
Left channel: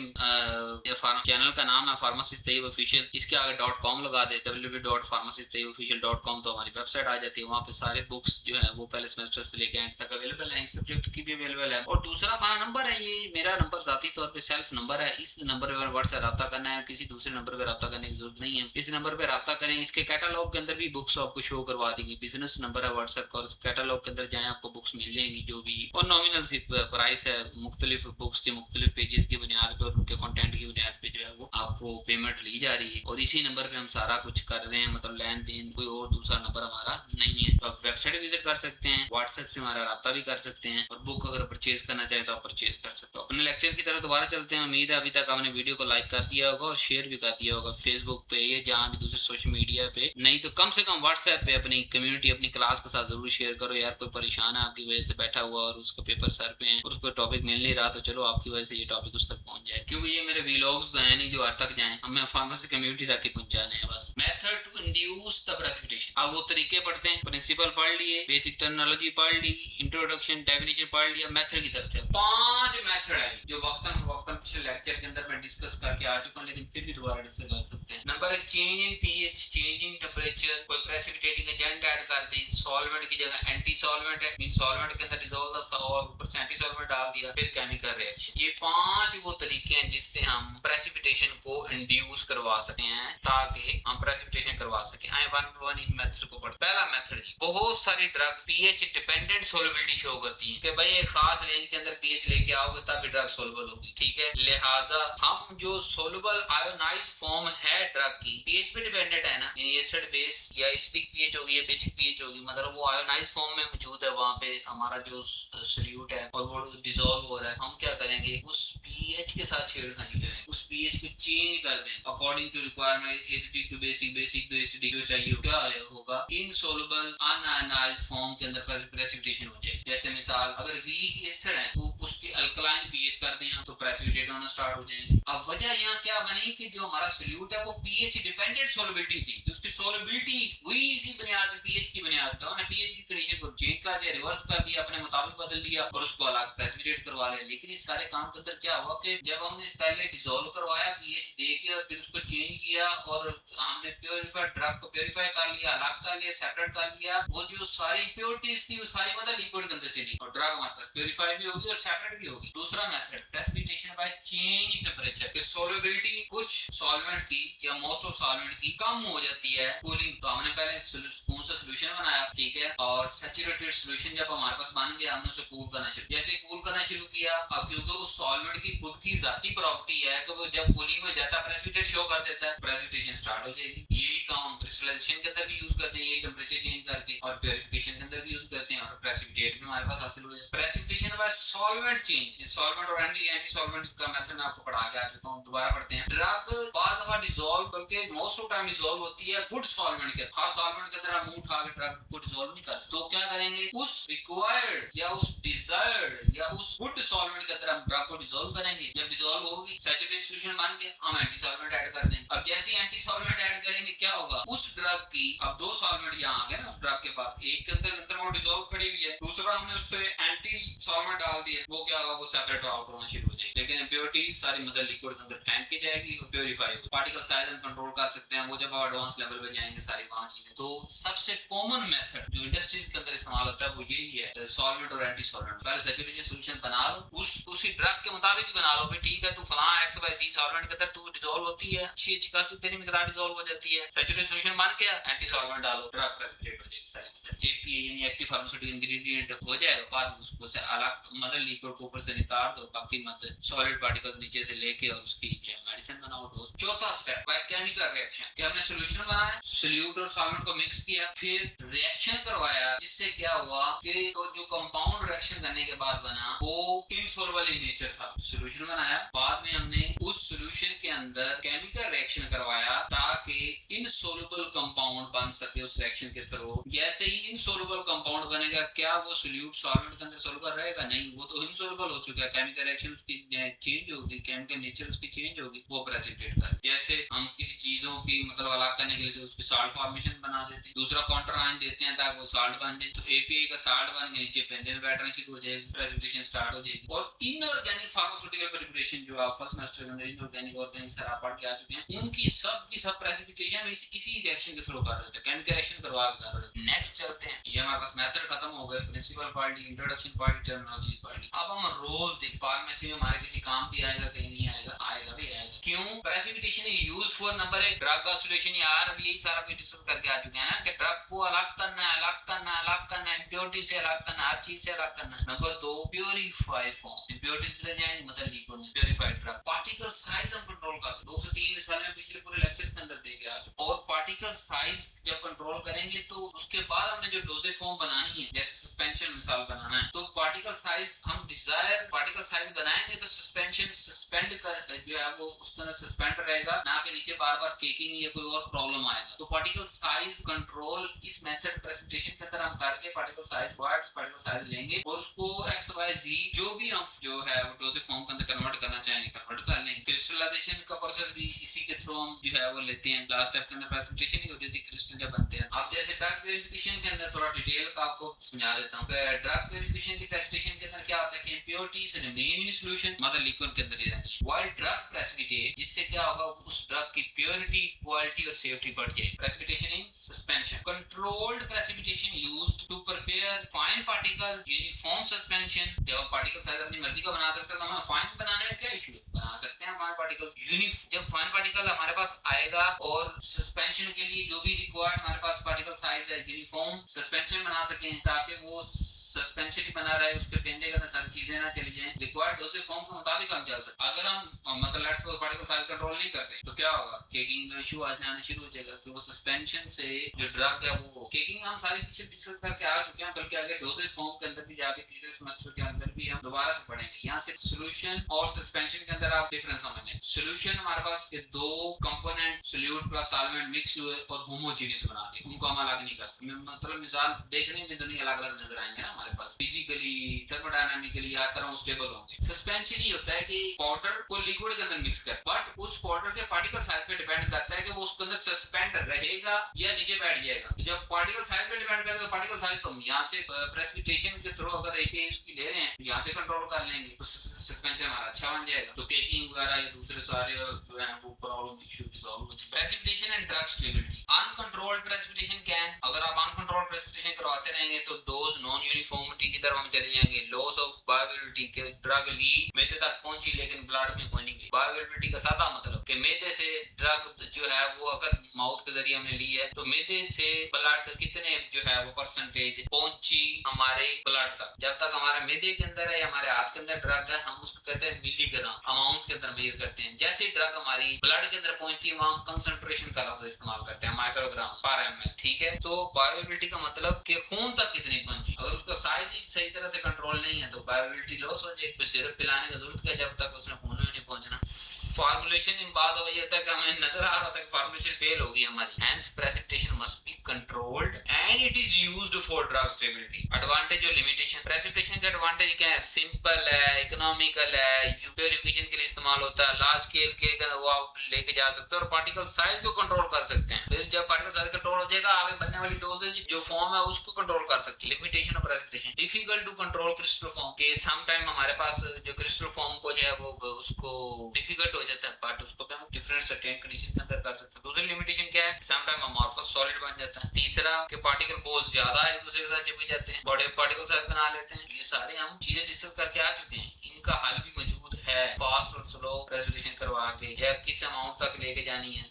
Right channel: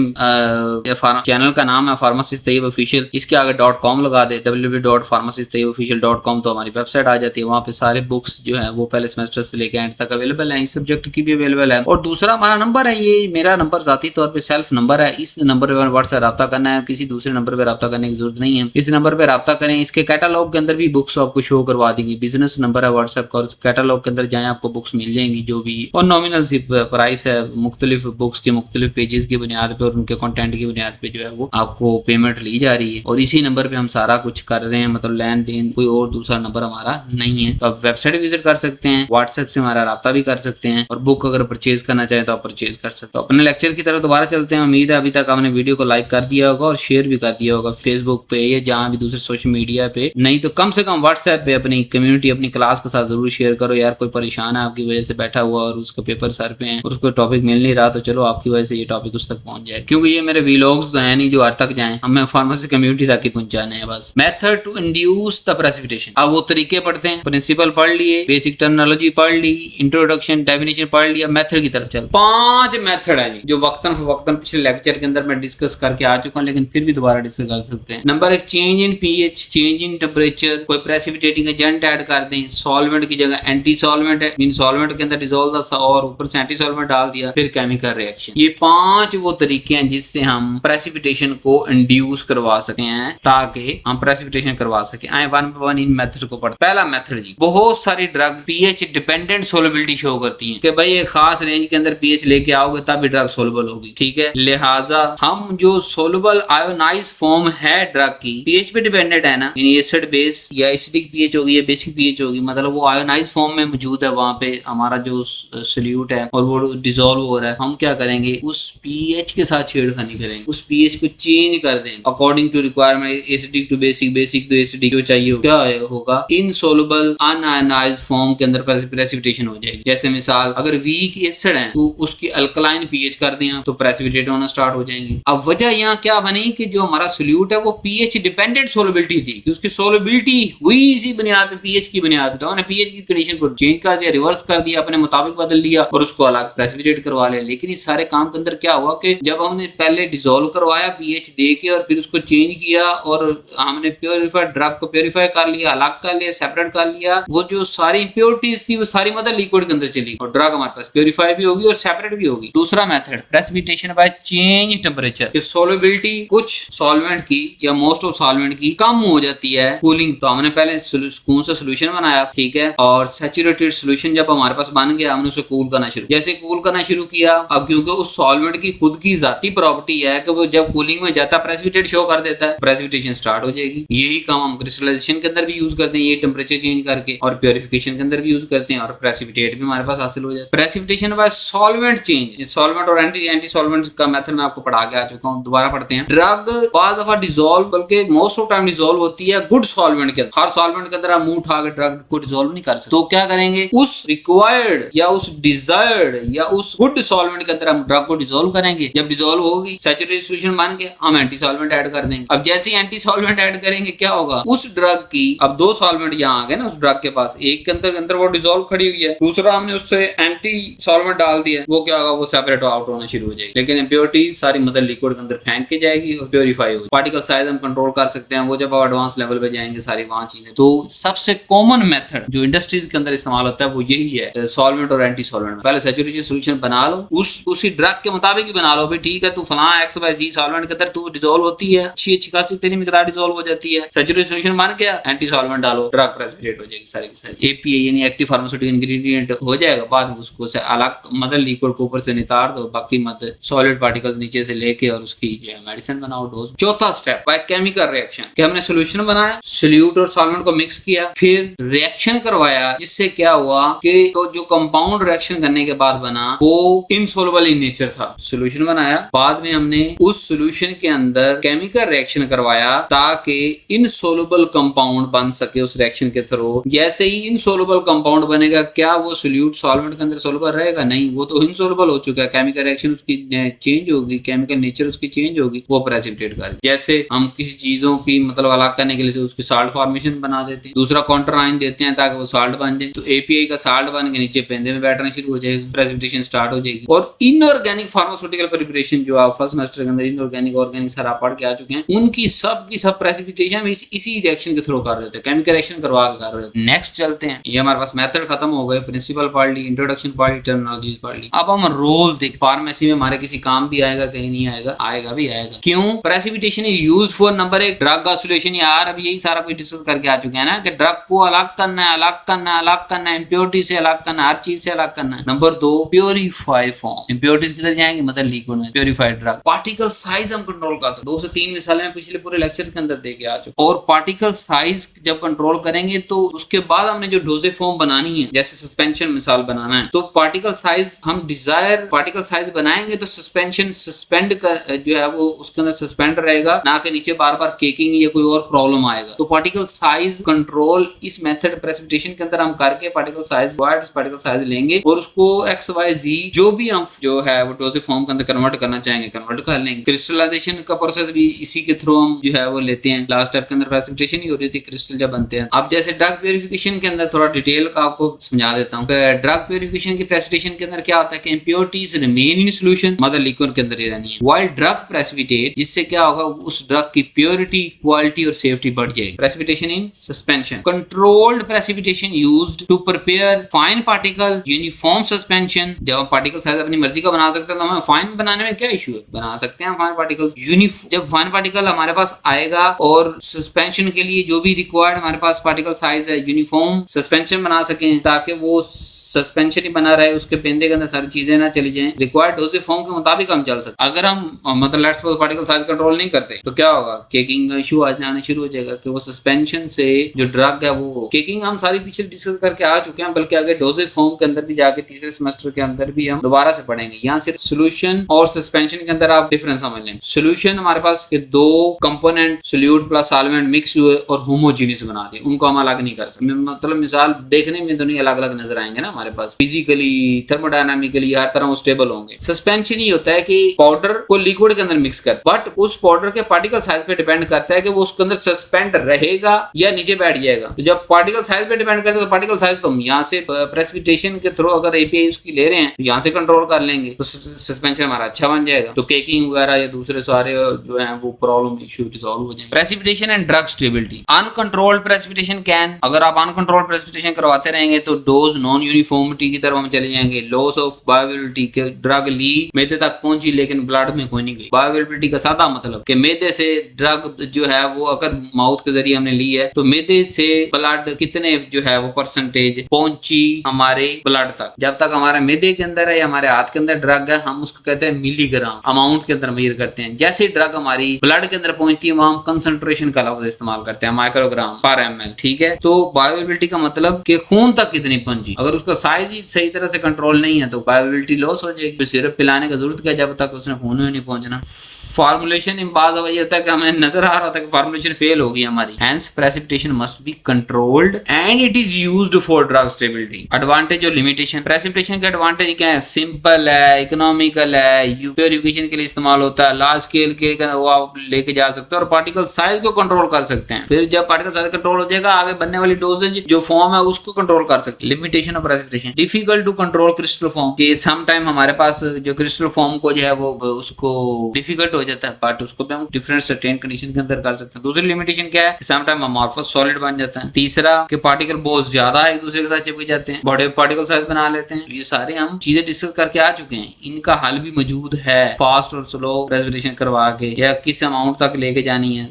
चैनल का नाम है फार्मासिस्ट तैयब ऑफिशियल, इसके आगे .com लगा दे, www.pharmacisttayyibofficial.com, तो हमारी वेबसाइट आ जाती है, वहाँ पे सारे बुक्स जो है वो पहले सेमेस्टर से लेकर एंड तक अवेलेबल है, इस सब्जेक्ट की भी अवेलेबल है। और दूसरा हमारा नंबर है, ये मेरा नंबर जाती तौर पे सेल्फ नंबर है, इस नंबर पे व्हाट्सएप रब्ता करना है, किसी दूसरे नंबर पे रब्ता करने की जरूरत नहीं है, इस नंबर पे रब्ता करें। इसके कैटालॉग के अंदर भी बुक्स आपको शो करवा देंगी, बिजनेस नंबर है व्हाट्सएप का, कैटालॉग के अंदर जाए आपको बुक्स मिल जाएंगी जो भी, और नॉमिनल सी प्राइस है, मुख्तलिफ बुक्स के मुख्तलिफ पेजेस की बुनियाद पे और उनके कंटेंट की बुनियाद पे जो है वो आपको पेमेंट ली जा रही है, और इसी नंबर पे हम सारा कुछ कर रहे हैं, मतलब लेन देन, कोई और दूसरा नंबर हमारा नहीं है। तो आप वेबसाइट विजिट कर सकते हैं, व्हाट्सएप से हमारा राब्ता भी कर सकते हैं, और बुक अगर परचेज करना चाहें तो आप परचेज कर सकते हो। अपने लेक्चर की तरफ दोबारा चलते हैं। उम्मीद है अभी तक आपने वीडियो को लाइक कर दिया होगा और शेयर भी कर दिया होगा फेसबुक पे या जहाँ भी दूसरे सोशल मीडिया पे, नहीं तो कम से कम व्हाट्सएप पे अपनी कम्युनिटी, अपनी क्लास के साथ जरूर शेयर करो। यार कोई परेशान है आपकी वजह से बैठा हुआ और उसका पेपर सर पे है और उसको टॉपिक मिल नहीं रहा, तो चलो आपकी वजह से ये टॉपिक उस तक पहुंच जाए, क्योंकि ये मेरे व्लॉग्स तो है नहीं जो हर तक जाए, हमें फार्मेसी कम्युनिटी तक ही पहुंचाने हैं बस। Method to induce the precipitation, अब वो तरीके पढ़ते हैं, प्रिंसिपल पढ़ लिए, बेसिक टर्मिनोलॉजी पढ़ ली, इंट्रोडक्शन डेफिनेशन पढ़ लिया, मेथड की तरफ चल। 5 मेथड है जो वक्तन फवक्तन पिछले लेक्चर के अंदर मैं डिस्कस करके आ चुका हूं, लेकिन फिर भी दोबारा डिस्कस कर सकते हैं। Number 1, change in pH, change in temperature, कोई प्रेसिपिटेटिंग एजेंट ऐड कर दें, सॉल्वेंट की जगह एंटी सॉल्वेंट है, मीन सॉल्वेंट के अंदर डिसॉल्व और ऊपर से एंटी सॉल्वेंट डाल दिया, फिर केमिकल रिएक्शन। ये 5 वो तरीके हैं जिससे हम प्रेसिपिटेशन को इंड्यूस करवा सकते हैं, ताकि हम प्रेसिपिटेशन करवा सके। आए 1 by 1 इन मेथड को पढ़। पहला मेथड जी, बहुत सारी drug pH dependent solubility show करती हैं कि भाई एक खास रेंज के अंदर पीएच लेके आओगे तब ड्रग सोलबल होगी, ठीक है। लिहाजा हम जो सोलबल आयोनाइज फॉर्म है ड्रग की पीएच पे डिपेंडेंट है ना, यानी एसिड बेस या एसिडिक पीएच होगी या बेसिक पीएच होगी, मतलब वो आयोनाइज फॉर्म में मौजूद है, वहां पे हमारा जो सोल्यूट है और वो डिसॉल्व हो रहा है, हम क्या करेंगे, उस पीएच के साथ छेड़खानी करेंगे, उस पीएच को चेंज कर देंगे according to requirement, acidic to basic, basic to acidic जो चाहिए हो। क्या होगा, इनसोल्युबल अनआयोनाइज्ड फॉर्म के अंदर प्रेसिपिटेशन हो जाएगी। जैसे मिसाल अगर वीक एसिड है तो उसकी अल्कलाइन पीएच कर दिया तो प्रेसिपिटेट होना स्टार्ट हो जाएंगे। अब वजह यहाँ क्या बनी कि जो हमारा सोल्यूट है वो पीएच डिपेंडेंट सोलबिलिटी थी, कि उसकी सोलबिलिटी हुई इसी बुनियाद पे, पीएच की बुनियाद पे, तो उन्होंने पीएच की कंडीशन को चेंज कर दिया, रिवर्स कर दिया, अपने मुताबिक बदल दिया और उसको अलग प्रेसिपिटेट करवा लिया। लेकिन इस सारे काम के अंदर क्या हुआ कि जब हमने पहले डिसॉल्व करवाया पीएच दे के और फिर उसको चेंज किया और हमने प्योरीफाइड ड्रग को प्योरीफाई कर लिया, अलग कर लिया, सेपरेट कर लिया, वो जो सारी इंप्योरिटीज थी वो सारी मदर लिक्विड के अंदर चली और ड्रग हमारे पास प्योरीफाई भी होगी और सेपरेट भी होगी। दूसरा method precipitation by change temperature, कि सोलबिलिटी कुछ सॉल्वेंट की या मोस्ट ऑफ सॉल्वेंट की कम हो जाती है कूलिंग, तो हमने पहले कौन सा सोल्यूशन बनाया, ठीक है, और सैचुरेटेड सोल्यूशन जब हमारे पास बन गया, हमने उसे कूल करना शुरू, जैसे कूल करना शुरू किया, अब क्योंकि उस सॉल्वेंट की खुद की जाती प्रॉपर्टी है कि वो जब कूलिंग में जाता है प्रेसिपिटेट शो कर देता है, प्रेसिपिटेशन स्टार्ट हो जाएगी। यही काम हम क्रिस्टलाइजेशन के अंदर भी यूज करते हैं, ये टेम्परेचर चेंज करके, और प्योरिफिकेशन के अंदर भी यूज करते हैं, और प्रेसिपिटेट भी हमारे पास हासिल हो जाता है। Precipitation bye solvent change, solvent और एंटी सॉल्वेंट का मेथड मैं आपको पढ़ा के आ चुका हूं, दोबारा पढ़ते हैं। ड्रग बाद दफा डिसॉल्व, बल्कि मोस्ट ऑफ टाइम डिसॉल्व होती है गुड सॉल्वेंट के अंदर। हर सॉल्वेंट के अंदर आप मुंह उठा के ड्रग को डिसॉल्व नहीं कर सकते, तो क्या करेंगे, उस रिक्वायर्ड या उस डिजायर्ड या उस गुड सॉल्वेंट के अंदर हम ड्रग को डिसॉल्व करेंगे। जब डिसॉल्व होगी सैचुरेटेड सॉल्यूशन बन के, हम एंटी सॉल्वेंट ऐड कर देंगे। अब जैसे ही एंटी सॉल्वेंट ऐड करेंगे क्या होगा, उस ड्रग की, अब दो सॉल्वेंट यहाँ आ गए ना उस ड्रग के पास, एक के अंदर वो डिसॉल्व खड़ी हुई है, दूसरा हमने उससे एंटी सॉल्वेंट डाल दिया, वो क्या होगा, वो सेपरेट आउट होना शुरू हो जाएगी। लेकिन इम्प्योरिटी सारी मदर लिक्विड के अंदर फेंक के जाएगी और प्योरीफाई होगी। पार्टिकल साइज हम कंट्रोल कर सकते हैं, वो जब आप एडवांस लेवल पे जाएंगे सारी वहां चीजें। तो सबसे कॉमन मेथड जो इंडस्ट्रीज के अंदर इस्तेमाल होता है वो यही है, सॉल्वेंट और एंटी सॉल्वेंट। पहले सैचुरेशन सॉल्यूशन बना लो, उसी ड्रग के मुताबिक ही बना लो भाई, ठीक है तू फलां एक्स वाई जी सॉल्वेंट के अंदर तू डिसॉल्व होती है, अच्छी खासी तेरी मिकदार डिसॉल्व हो जाती है, सैचुरेशन सॉल्यूशन बन गया, एंटी सॉल्वेंट डालो, ड्रग प्रेसिपिटेट हो जाएगी सारी की सारी। एपीआई यानी एक्टिव फार्मास्यूटिकल इंग्रेडिएंट हो जाएगा, बाद में उसको से अलग मदर लिक्विड को ऊपर से निकाल दो, बाकी मदर सॉलिड पार्टिकल नीचे से लेके और उसकी जो है मेडिसिन बनाओ, डोज। चौथा स्टेप बाय केमिकल रिएक्शन, कि हमने सॉल्यूशन बनाया, सोल्यूट और सॉल्वेंट को मिक्स किया, फिर रिएक्शन करवाया, जिससे क्या हुआ कि तो जो कंपाउंड रिएक्शन करने के बाद बना वो इनसॉल्युबल इन नेचर था। सॉल्यूशन बनाया, बाद में हमने उस सॉल्यूशन के अंदर केमिकल रिएक्शन करवाया ताकि इनसॉल्युबल कंपाउंड बन सके उस रिएक्शन के थ्रू। जैसे ही इनसॉल्युबल कंपाउंड बनेगा, क्या वो सोल्यूट सॉल्वेंट के अंदर सॉल्युबल रहेगा? नहीं, वो तो इनसॉल्युबल हो चुका है, केमिकल रिएक्शन उसकी चेंज होगी, केमिकल नेचर उसकी चेंज होगी, वो प्रेसिपिटेट कर। जैसे हम किसी चीजों की मतलब अलग करने के लिए उसकी साल्ट फॉर्मेशन बना देते हैं, दूसरा काउंटर आयन देते हैं ताकि वो साल्ट बन जाए, तो एपीआई का साल्ट बन के नीचे पेंदे में बैठना शुरू हो जाएगा, प्रेसिपिटेशन स्टार्ट हो जाएगी। और इनऑर्गेनिक फार्मास्यूटिकल प्रिपरेशन जो आप फर्स्ट सेमेस्टर के अंदर इनऑर्गेनिक ऑर्गेनिक सारा पढ़ के आ चुके हैं, उनकी सब की सब प्रेसिपिटेशन इसी रिएक्शन के थ्रू कर रहे थे, केमिकल रिएक्शन करवा के कर रहे थे। नेक्स्ट चलते हैं, ये हमारे पास मेथड खत्म हो गए, प्रिंसिपल पढ़ ली, इंट्रोडक्शन पढ़ ली, टर्मिनोलॉजीज पढ़ ली। अब हम रोल देख, फार्मेसी में हमारे किसी काम भी आएगा, कहीं नहीं आएगा, आएगा भी आएगा। क्यों? Precipitation is used for number एक ड्रग का सॉल्यूशन। यार अब यही सारा कुछ डिस्कस करके आ चुके हैं ना कि ड्रग को अलग करना है, अलग करना है, अलग करना है, इंप्योरिटी से अलग करना है, हर चीज से अलग करना है। नंबर दो, प्योरीफाई फॉर्म, इंप्योरिटीज किधर जाएंगे, मतलब लिक्विड में, प्योरीफाइड ड्रग। पार्टिकल साइज हम कंट्रोल कर सकते, 2 से 3 मिसालें मैं पिछले पूरे लेक्चर के अंदर दे के आ चुका। और पार्टिकल साइज जब कंट्रोल करेंगे तो उसके बाद हमने जो डोजेज फॉर्म बनानी है, जैसे सस्पेंशन मिसाल बनाना है, तो पार्टिकल साइज हम डिजायर पार्टिकल साइज बनाएंगे तो सस्पेंशन सस्पेंड कर जो है वो उसके अंदर सस्पेंड रहेगा, ना कि नीचे बार बार केकिंग या कोई और प्रॉब्लम आएगा। तो पार्टिकल साइज कंट्रोल इस मेथड प्रेसिपिटेशन के अंदर हम करके पार्टिकल साइज लेंगे और उसको एक्स वाई जी जो भी हम जो है वो डोजेज फॉर्म के अंदर कन्वर्ट करना चाहेंगे कन्वर्ट कर लेंगे। क्रिस्टलाइजेशन का प्रोसेस भी इसी के थ्रू हम जो है वो लेते हैं। लास्ट स्टेप के अंदर प्रेसिपिटेशन ही हो रही थी, क्रिस्टल जब बनते हैं। अब जैसे ड्रग प्यूरिफिकेशन के अंदर थोड़ा डिटेल का आपको समझा देता हूँ। ड्रग प्यूरिफिकेशन की प्रेसिपिटेशन के अंदर क्या होता है कि impurities remain in solution, mother liquid के अंदर ही रहनी है, व्हाइल ड्रग प्रेसिपिटेट, जिससे क्या होगा उस ड्रग की प्योरिटी, क्वालिटी और सेफ्टी बढ़ जाएगी। Precipitation in suspension, controlled precipitation used to prepare fine particle uniform suspension. जब हम पार्टिकल साइज अपनी मर्जी का बना सकते हैं तो हमें फाइन बनाने में क्या इशू है, बना सकते हैं फाइन पार्टिकल्स। जब फाइन पार्टिकल हमारे पास आएगा और सस्पेंशन के लिए जो भी रिक्वायर्ड हमारे पास पार्टिकल साइज है, यूनिफॉर्म सस्पेंशन बना सकें ताकि वो सस्पेंशन ही बना रहे, उसके पेंदे के अंदर सारी चीजें ना चली जाएं, रिक्वायर्ड डोजेज फॉर्म के मुताबिक हम चल सकते। अगर हम मतलब let's suppose particle size control नहीं करते तो क्या होगा, केकिंग का इशू आने शुरू हो जाएगा कि वो सस्पेंशन से जो ड्रग है वो केकिंग हम सारी पीछे डिस्कस करके आ चुके हैं, बल्कि आगे डोजेज फॉर्म के अंदर भी जाके तीसरे सेमेस्टर के अंदर भी हम दोबारा से पढ़ेंगे। यहाँ सिर्फ सोल्यूशन और सस्पेंशन के अंदर आप डिफरेंस समझ लें। सोल्यूशन हमारे पास के दो component solute plus solvent mix हुए और होमोजीनियस बना दिए, उनको हम अलग नहीं कर सकते। मतलब मिसाल देखने में दोनों अलग अलग नजर आएंगे ना, हमारे पास फिजिकली थर्मोडायनामिकली हर तरह वो स्टेबल होंगे। सस्पेंशन ही होता है कि पाउडर को लिक्विड के अंदर मिक्स कर, बट उस पाउडर के पार्टिकल साइज पे डिपेंड करता है कि वो उसके अंदर सस्पेंड रहेगा या नीचे बैठ जाएगा। तो जब पार्टिकल साइज पे डिपेंड करता है तो पार्टिकल साइज तो हम यहाँ से प्रेसिपिटेशन के थ्रू अगर एपीआई उसकी ले रहे हैं तो यहाँ से कंट्रोल कर लेंगे तो सस्पेंशन हमारा अच्छा बन जाएगा, तो केकिंग वगैरह या दूसरे सारे जो है वो प्रॉब्लम इशू रिजॉल्व हो जाएंगे। Precipitation and drug stability, uncontrolled precipitation can, अगर आप अनकंट्रोल्ड प्रेसिपिटेशन करवाते रहेंगे तो डोज नॉन यूनिफॉर्मिटी की तरफ हम चले जाएंगे, लॉस ऑफ बायोअवेलेबिलिटी के ड्रग ली मैदे तक पहुंची लेकिन ब्लड में कोई नहीं गई। बायोअवेलेबिलिटी का सादा मतलब कि मैदे से ड्रग जो है वो अगर माउथ के जरिए हमने ली है तो मैदे से ब्लड कितने जो है वो परसेंटेज पहुंची हमारे ब्लड तक। जब तक हमारे मैदे के अंदर है या हमारे हाथ के अंदर ड्रग है, हम उसको कहते हैं मिलीग्राम अमाउंट के अंदर मेजर करते हैं। जैसे ड्रग हमारी ब्लड के अंदर पहुंचती है वहां हम कंसंट्रेशन का लफ्ज इस्तेमाल करते हैं, माइक्रोग्राम पर ml। ठीक है, तो बायोअवेलेबिलिटी का मतलब कि खून तक कितनी पहुंची। अगर उसका साइज ही सही तरह से कंट्रोल नहीं है तो बायोअवेलेबिलिटी लॉस हो जाएगी। सिरप पिलाने की जरूरत क्या जब तक उसने खून में नहीं पहुंचना। फॉर्मुलेशन बात ये होता है कि हमें नजर आ रहा होता है कि फॉर्मुलेशन फेल होगी हमारी। Hence precipitation must be controlled and it is used for drug stability. Advantage और लिमिटेशन। प्रेसिपिटेशन के एडवांटेज क्या है? सिंपल है, इकोनॉमिकल है, प्योरिफिकेशन के लिए इस्तेमाल होता है, लार्ज स्केल के वो आप लेके जा सकते हो और पार्टिकल साइज को कंट्रोल कर सकते हैं। फिर जब पार्टिकल साइज कंट्रोल हो जाएगा आगे बनने वाली डोजेज जो फॉर्म है उसको कंट्रोल कर सकते हैं। Limitation of precipitation. Difficult to control crystal form, कि सम टाइम हमारे पास जो क्रिस्टल फॉर्म को जो है वो उसको डिफिकल्ट हो जाता है, बट उसको भी हम डिफरेंट सर्टेन कंडीशन के अंदर कर सकते हैं। दूसरी लिमिटेशन क्या है? सम टाइम अमॉर्फस सॉलिड बन जाता है। तीसरा कि पार्टिकल बहुत ज्यादा एक दूसरे के साथ चिपक जाते हैं, बड़े पार्टिकल साइज बना लेते हैं। ये सारे हम चीजें डिस्कस करके आ चुके हैं, इनका हल भी मौजूद है। फास्ट और स्लो रेस्पिरेशन करवा के या किस अमाउंट तक लेके जानी है,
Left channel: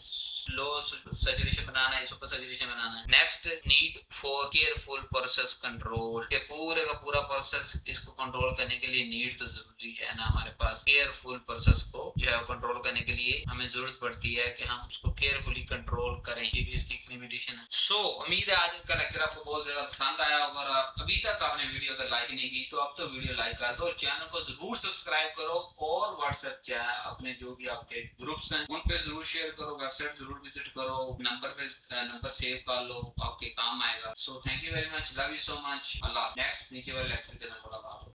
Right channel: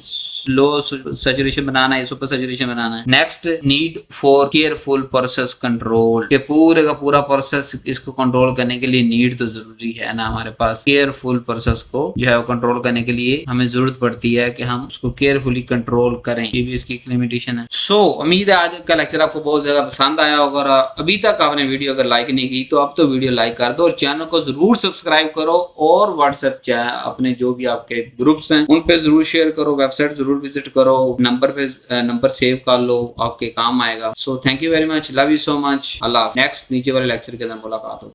लो सैचुरेशन बनाना है, सुपर सैचुरेशन बनाना है। Next, need for careful process control, के पूरे का पूरा प्रोसेस इसको कंट्रोल करने के लिए नीड तो जरूरी है ना हमारे पास। केयरफुल प्रोसेस को जो है वो कंट्रोल करने के लिए हमें जरूरत पड़ती है कि हम उसको केयरफुली कंट्रोल करें, ये भी इसकी एक लिमिटेशन है। सो उम्मीद है आज का लेक्चर आपको बहुत ज्यादा पसंद आया होगा। अभी तक आपने वीडियो अगर लाइक नहीं की तो अब तो वीडियो लाइक कर दो और चैनल को जरूर सब्सक्राइब करो और व्हाट्सएप अपने जो भी आपके ग्रुप्स हैं उन पे जरूर शेयर करो, वेबसाइट जरूर विजिट करो, नंबर सेव कर लो, आपके काम आएगा। So thank you very much, love you so much, Allah. Next नीचे वाले लेक्चर के अंदर मुलाकात हो।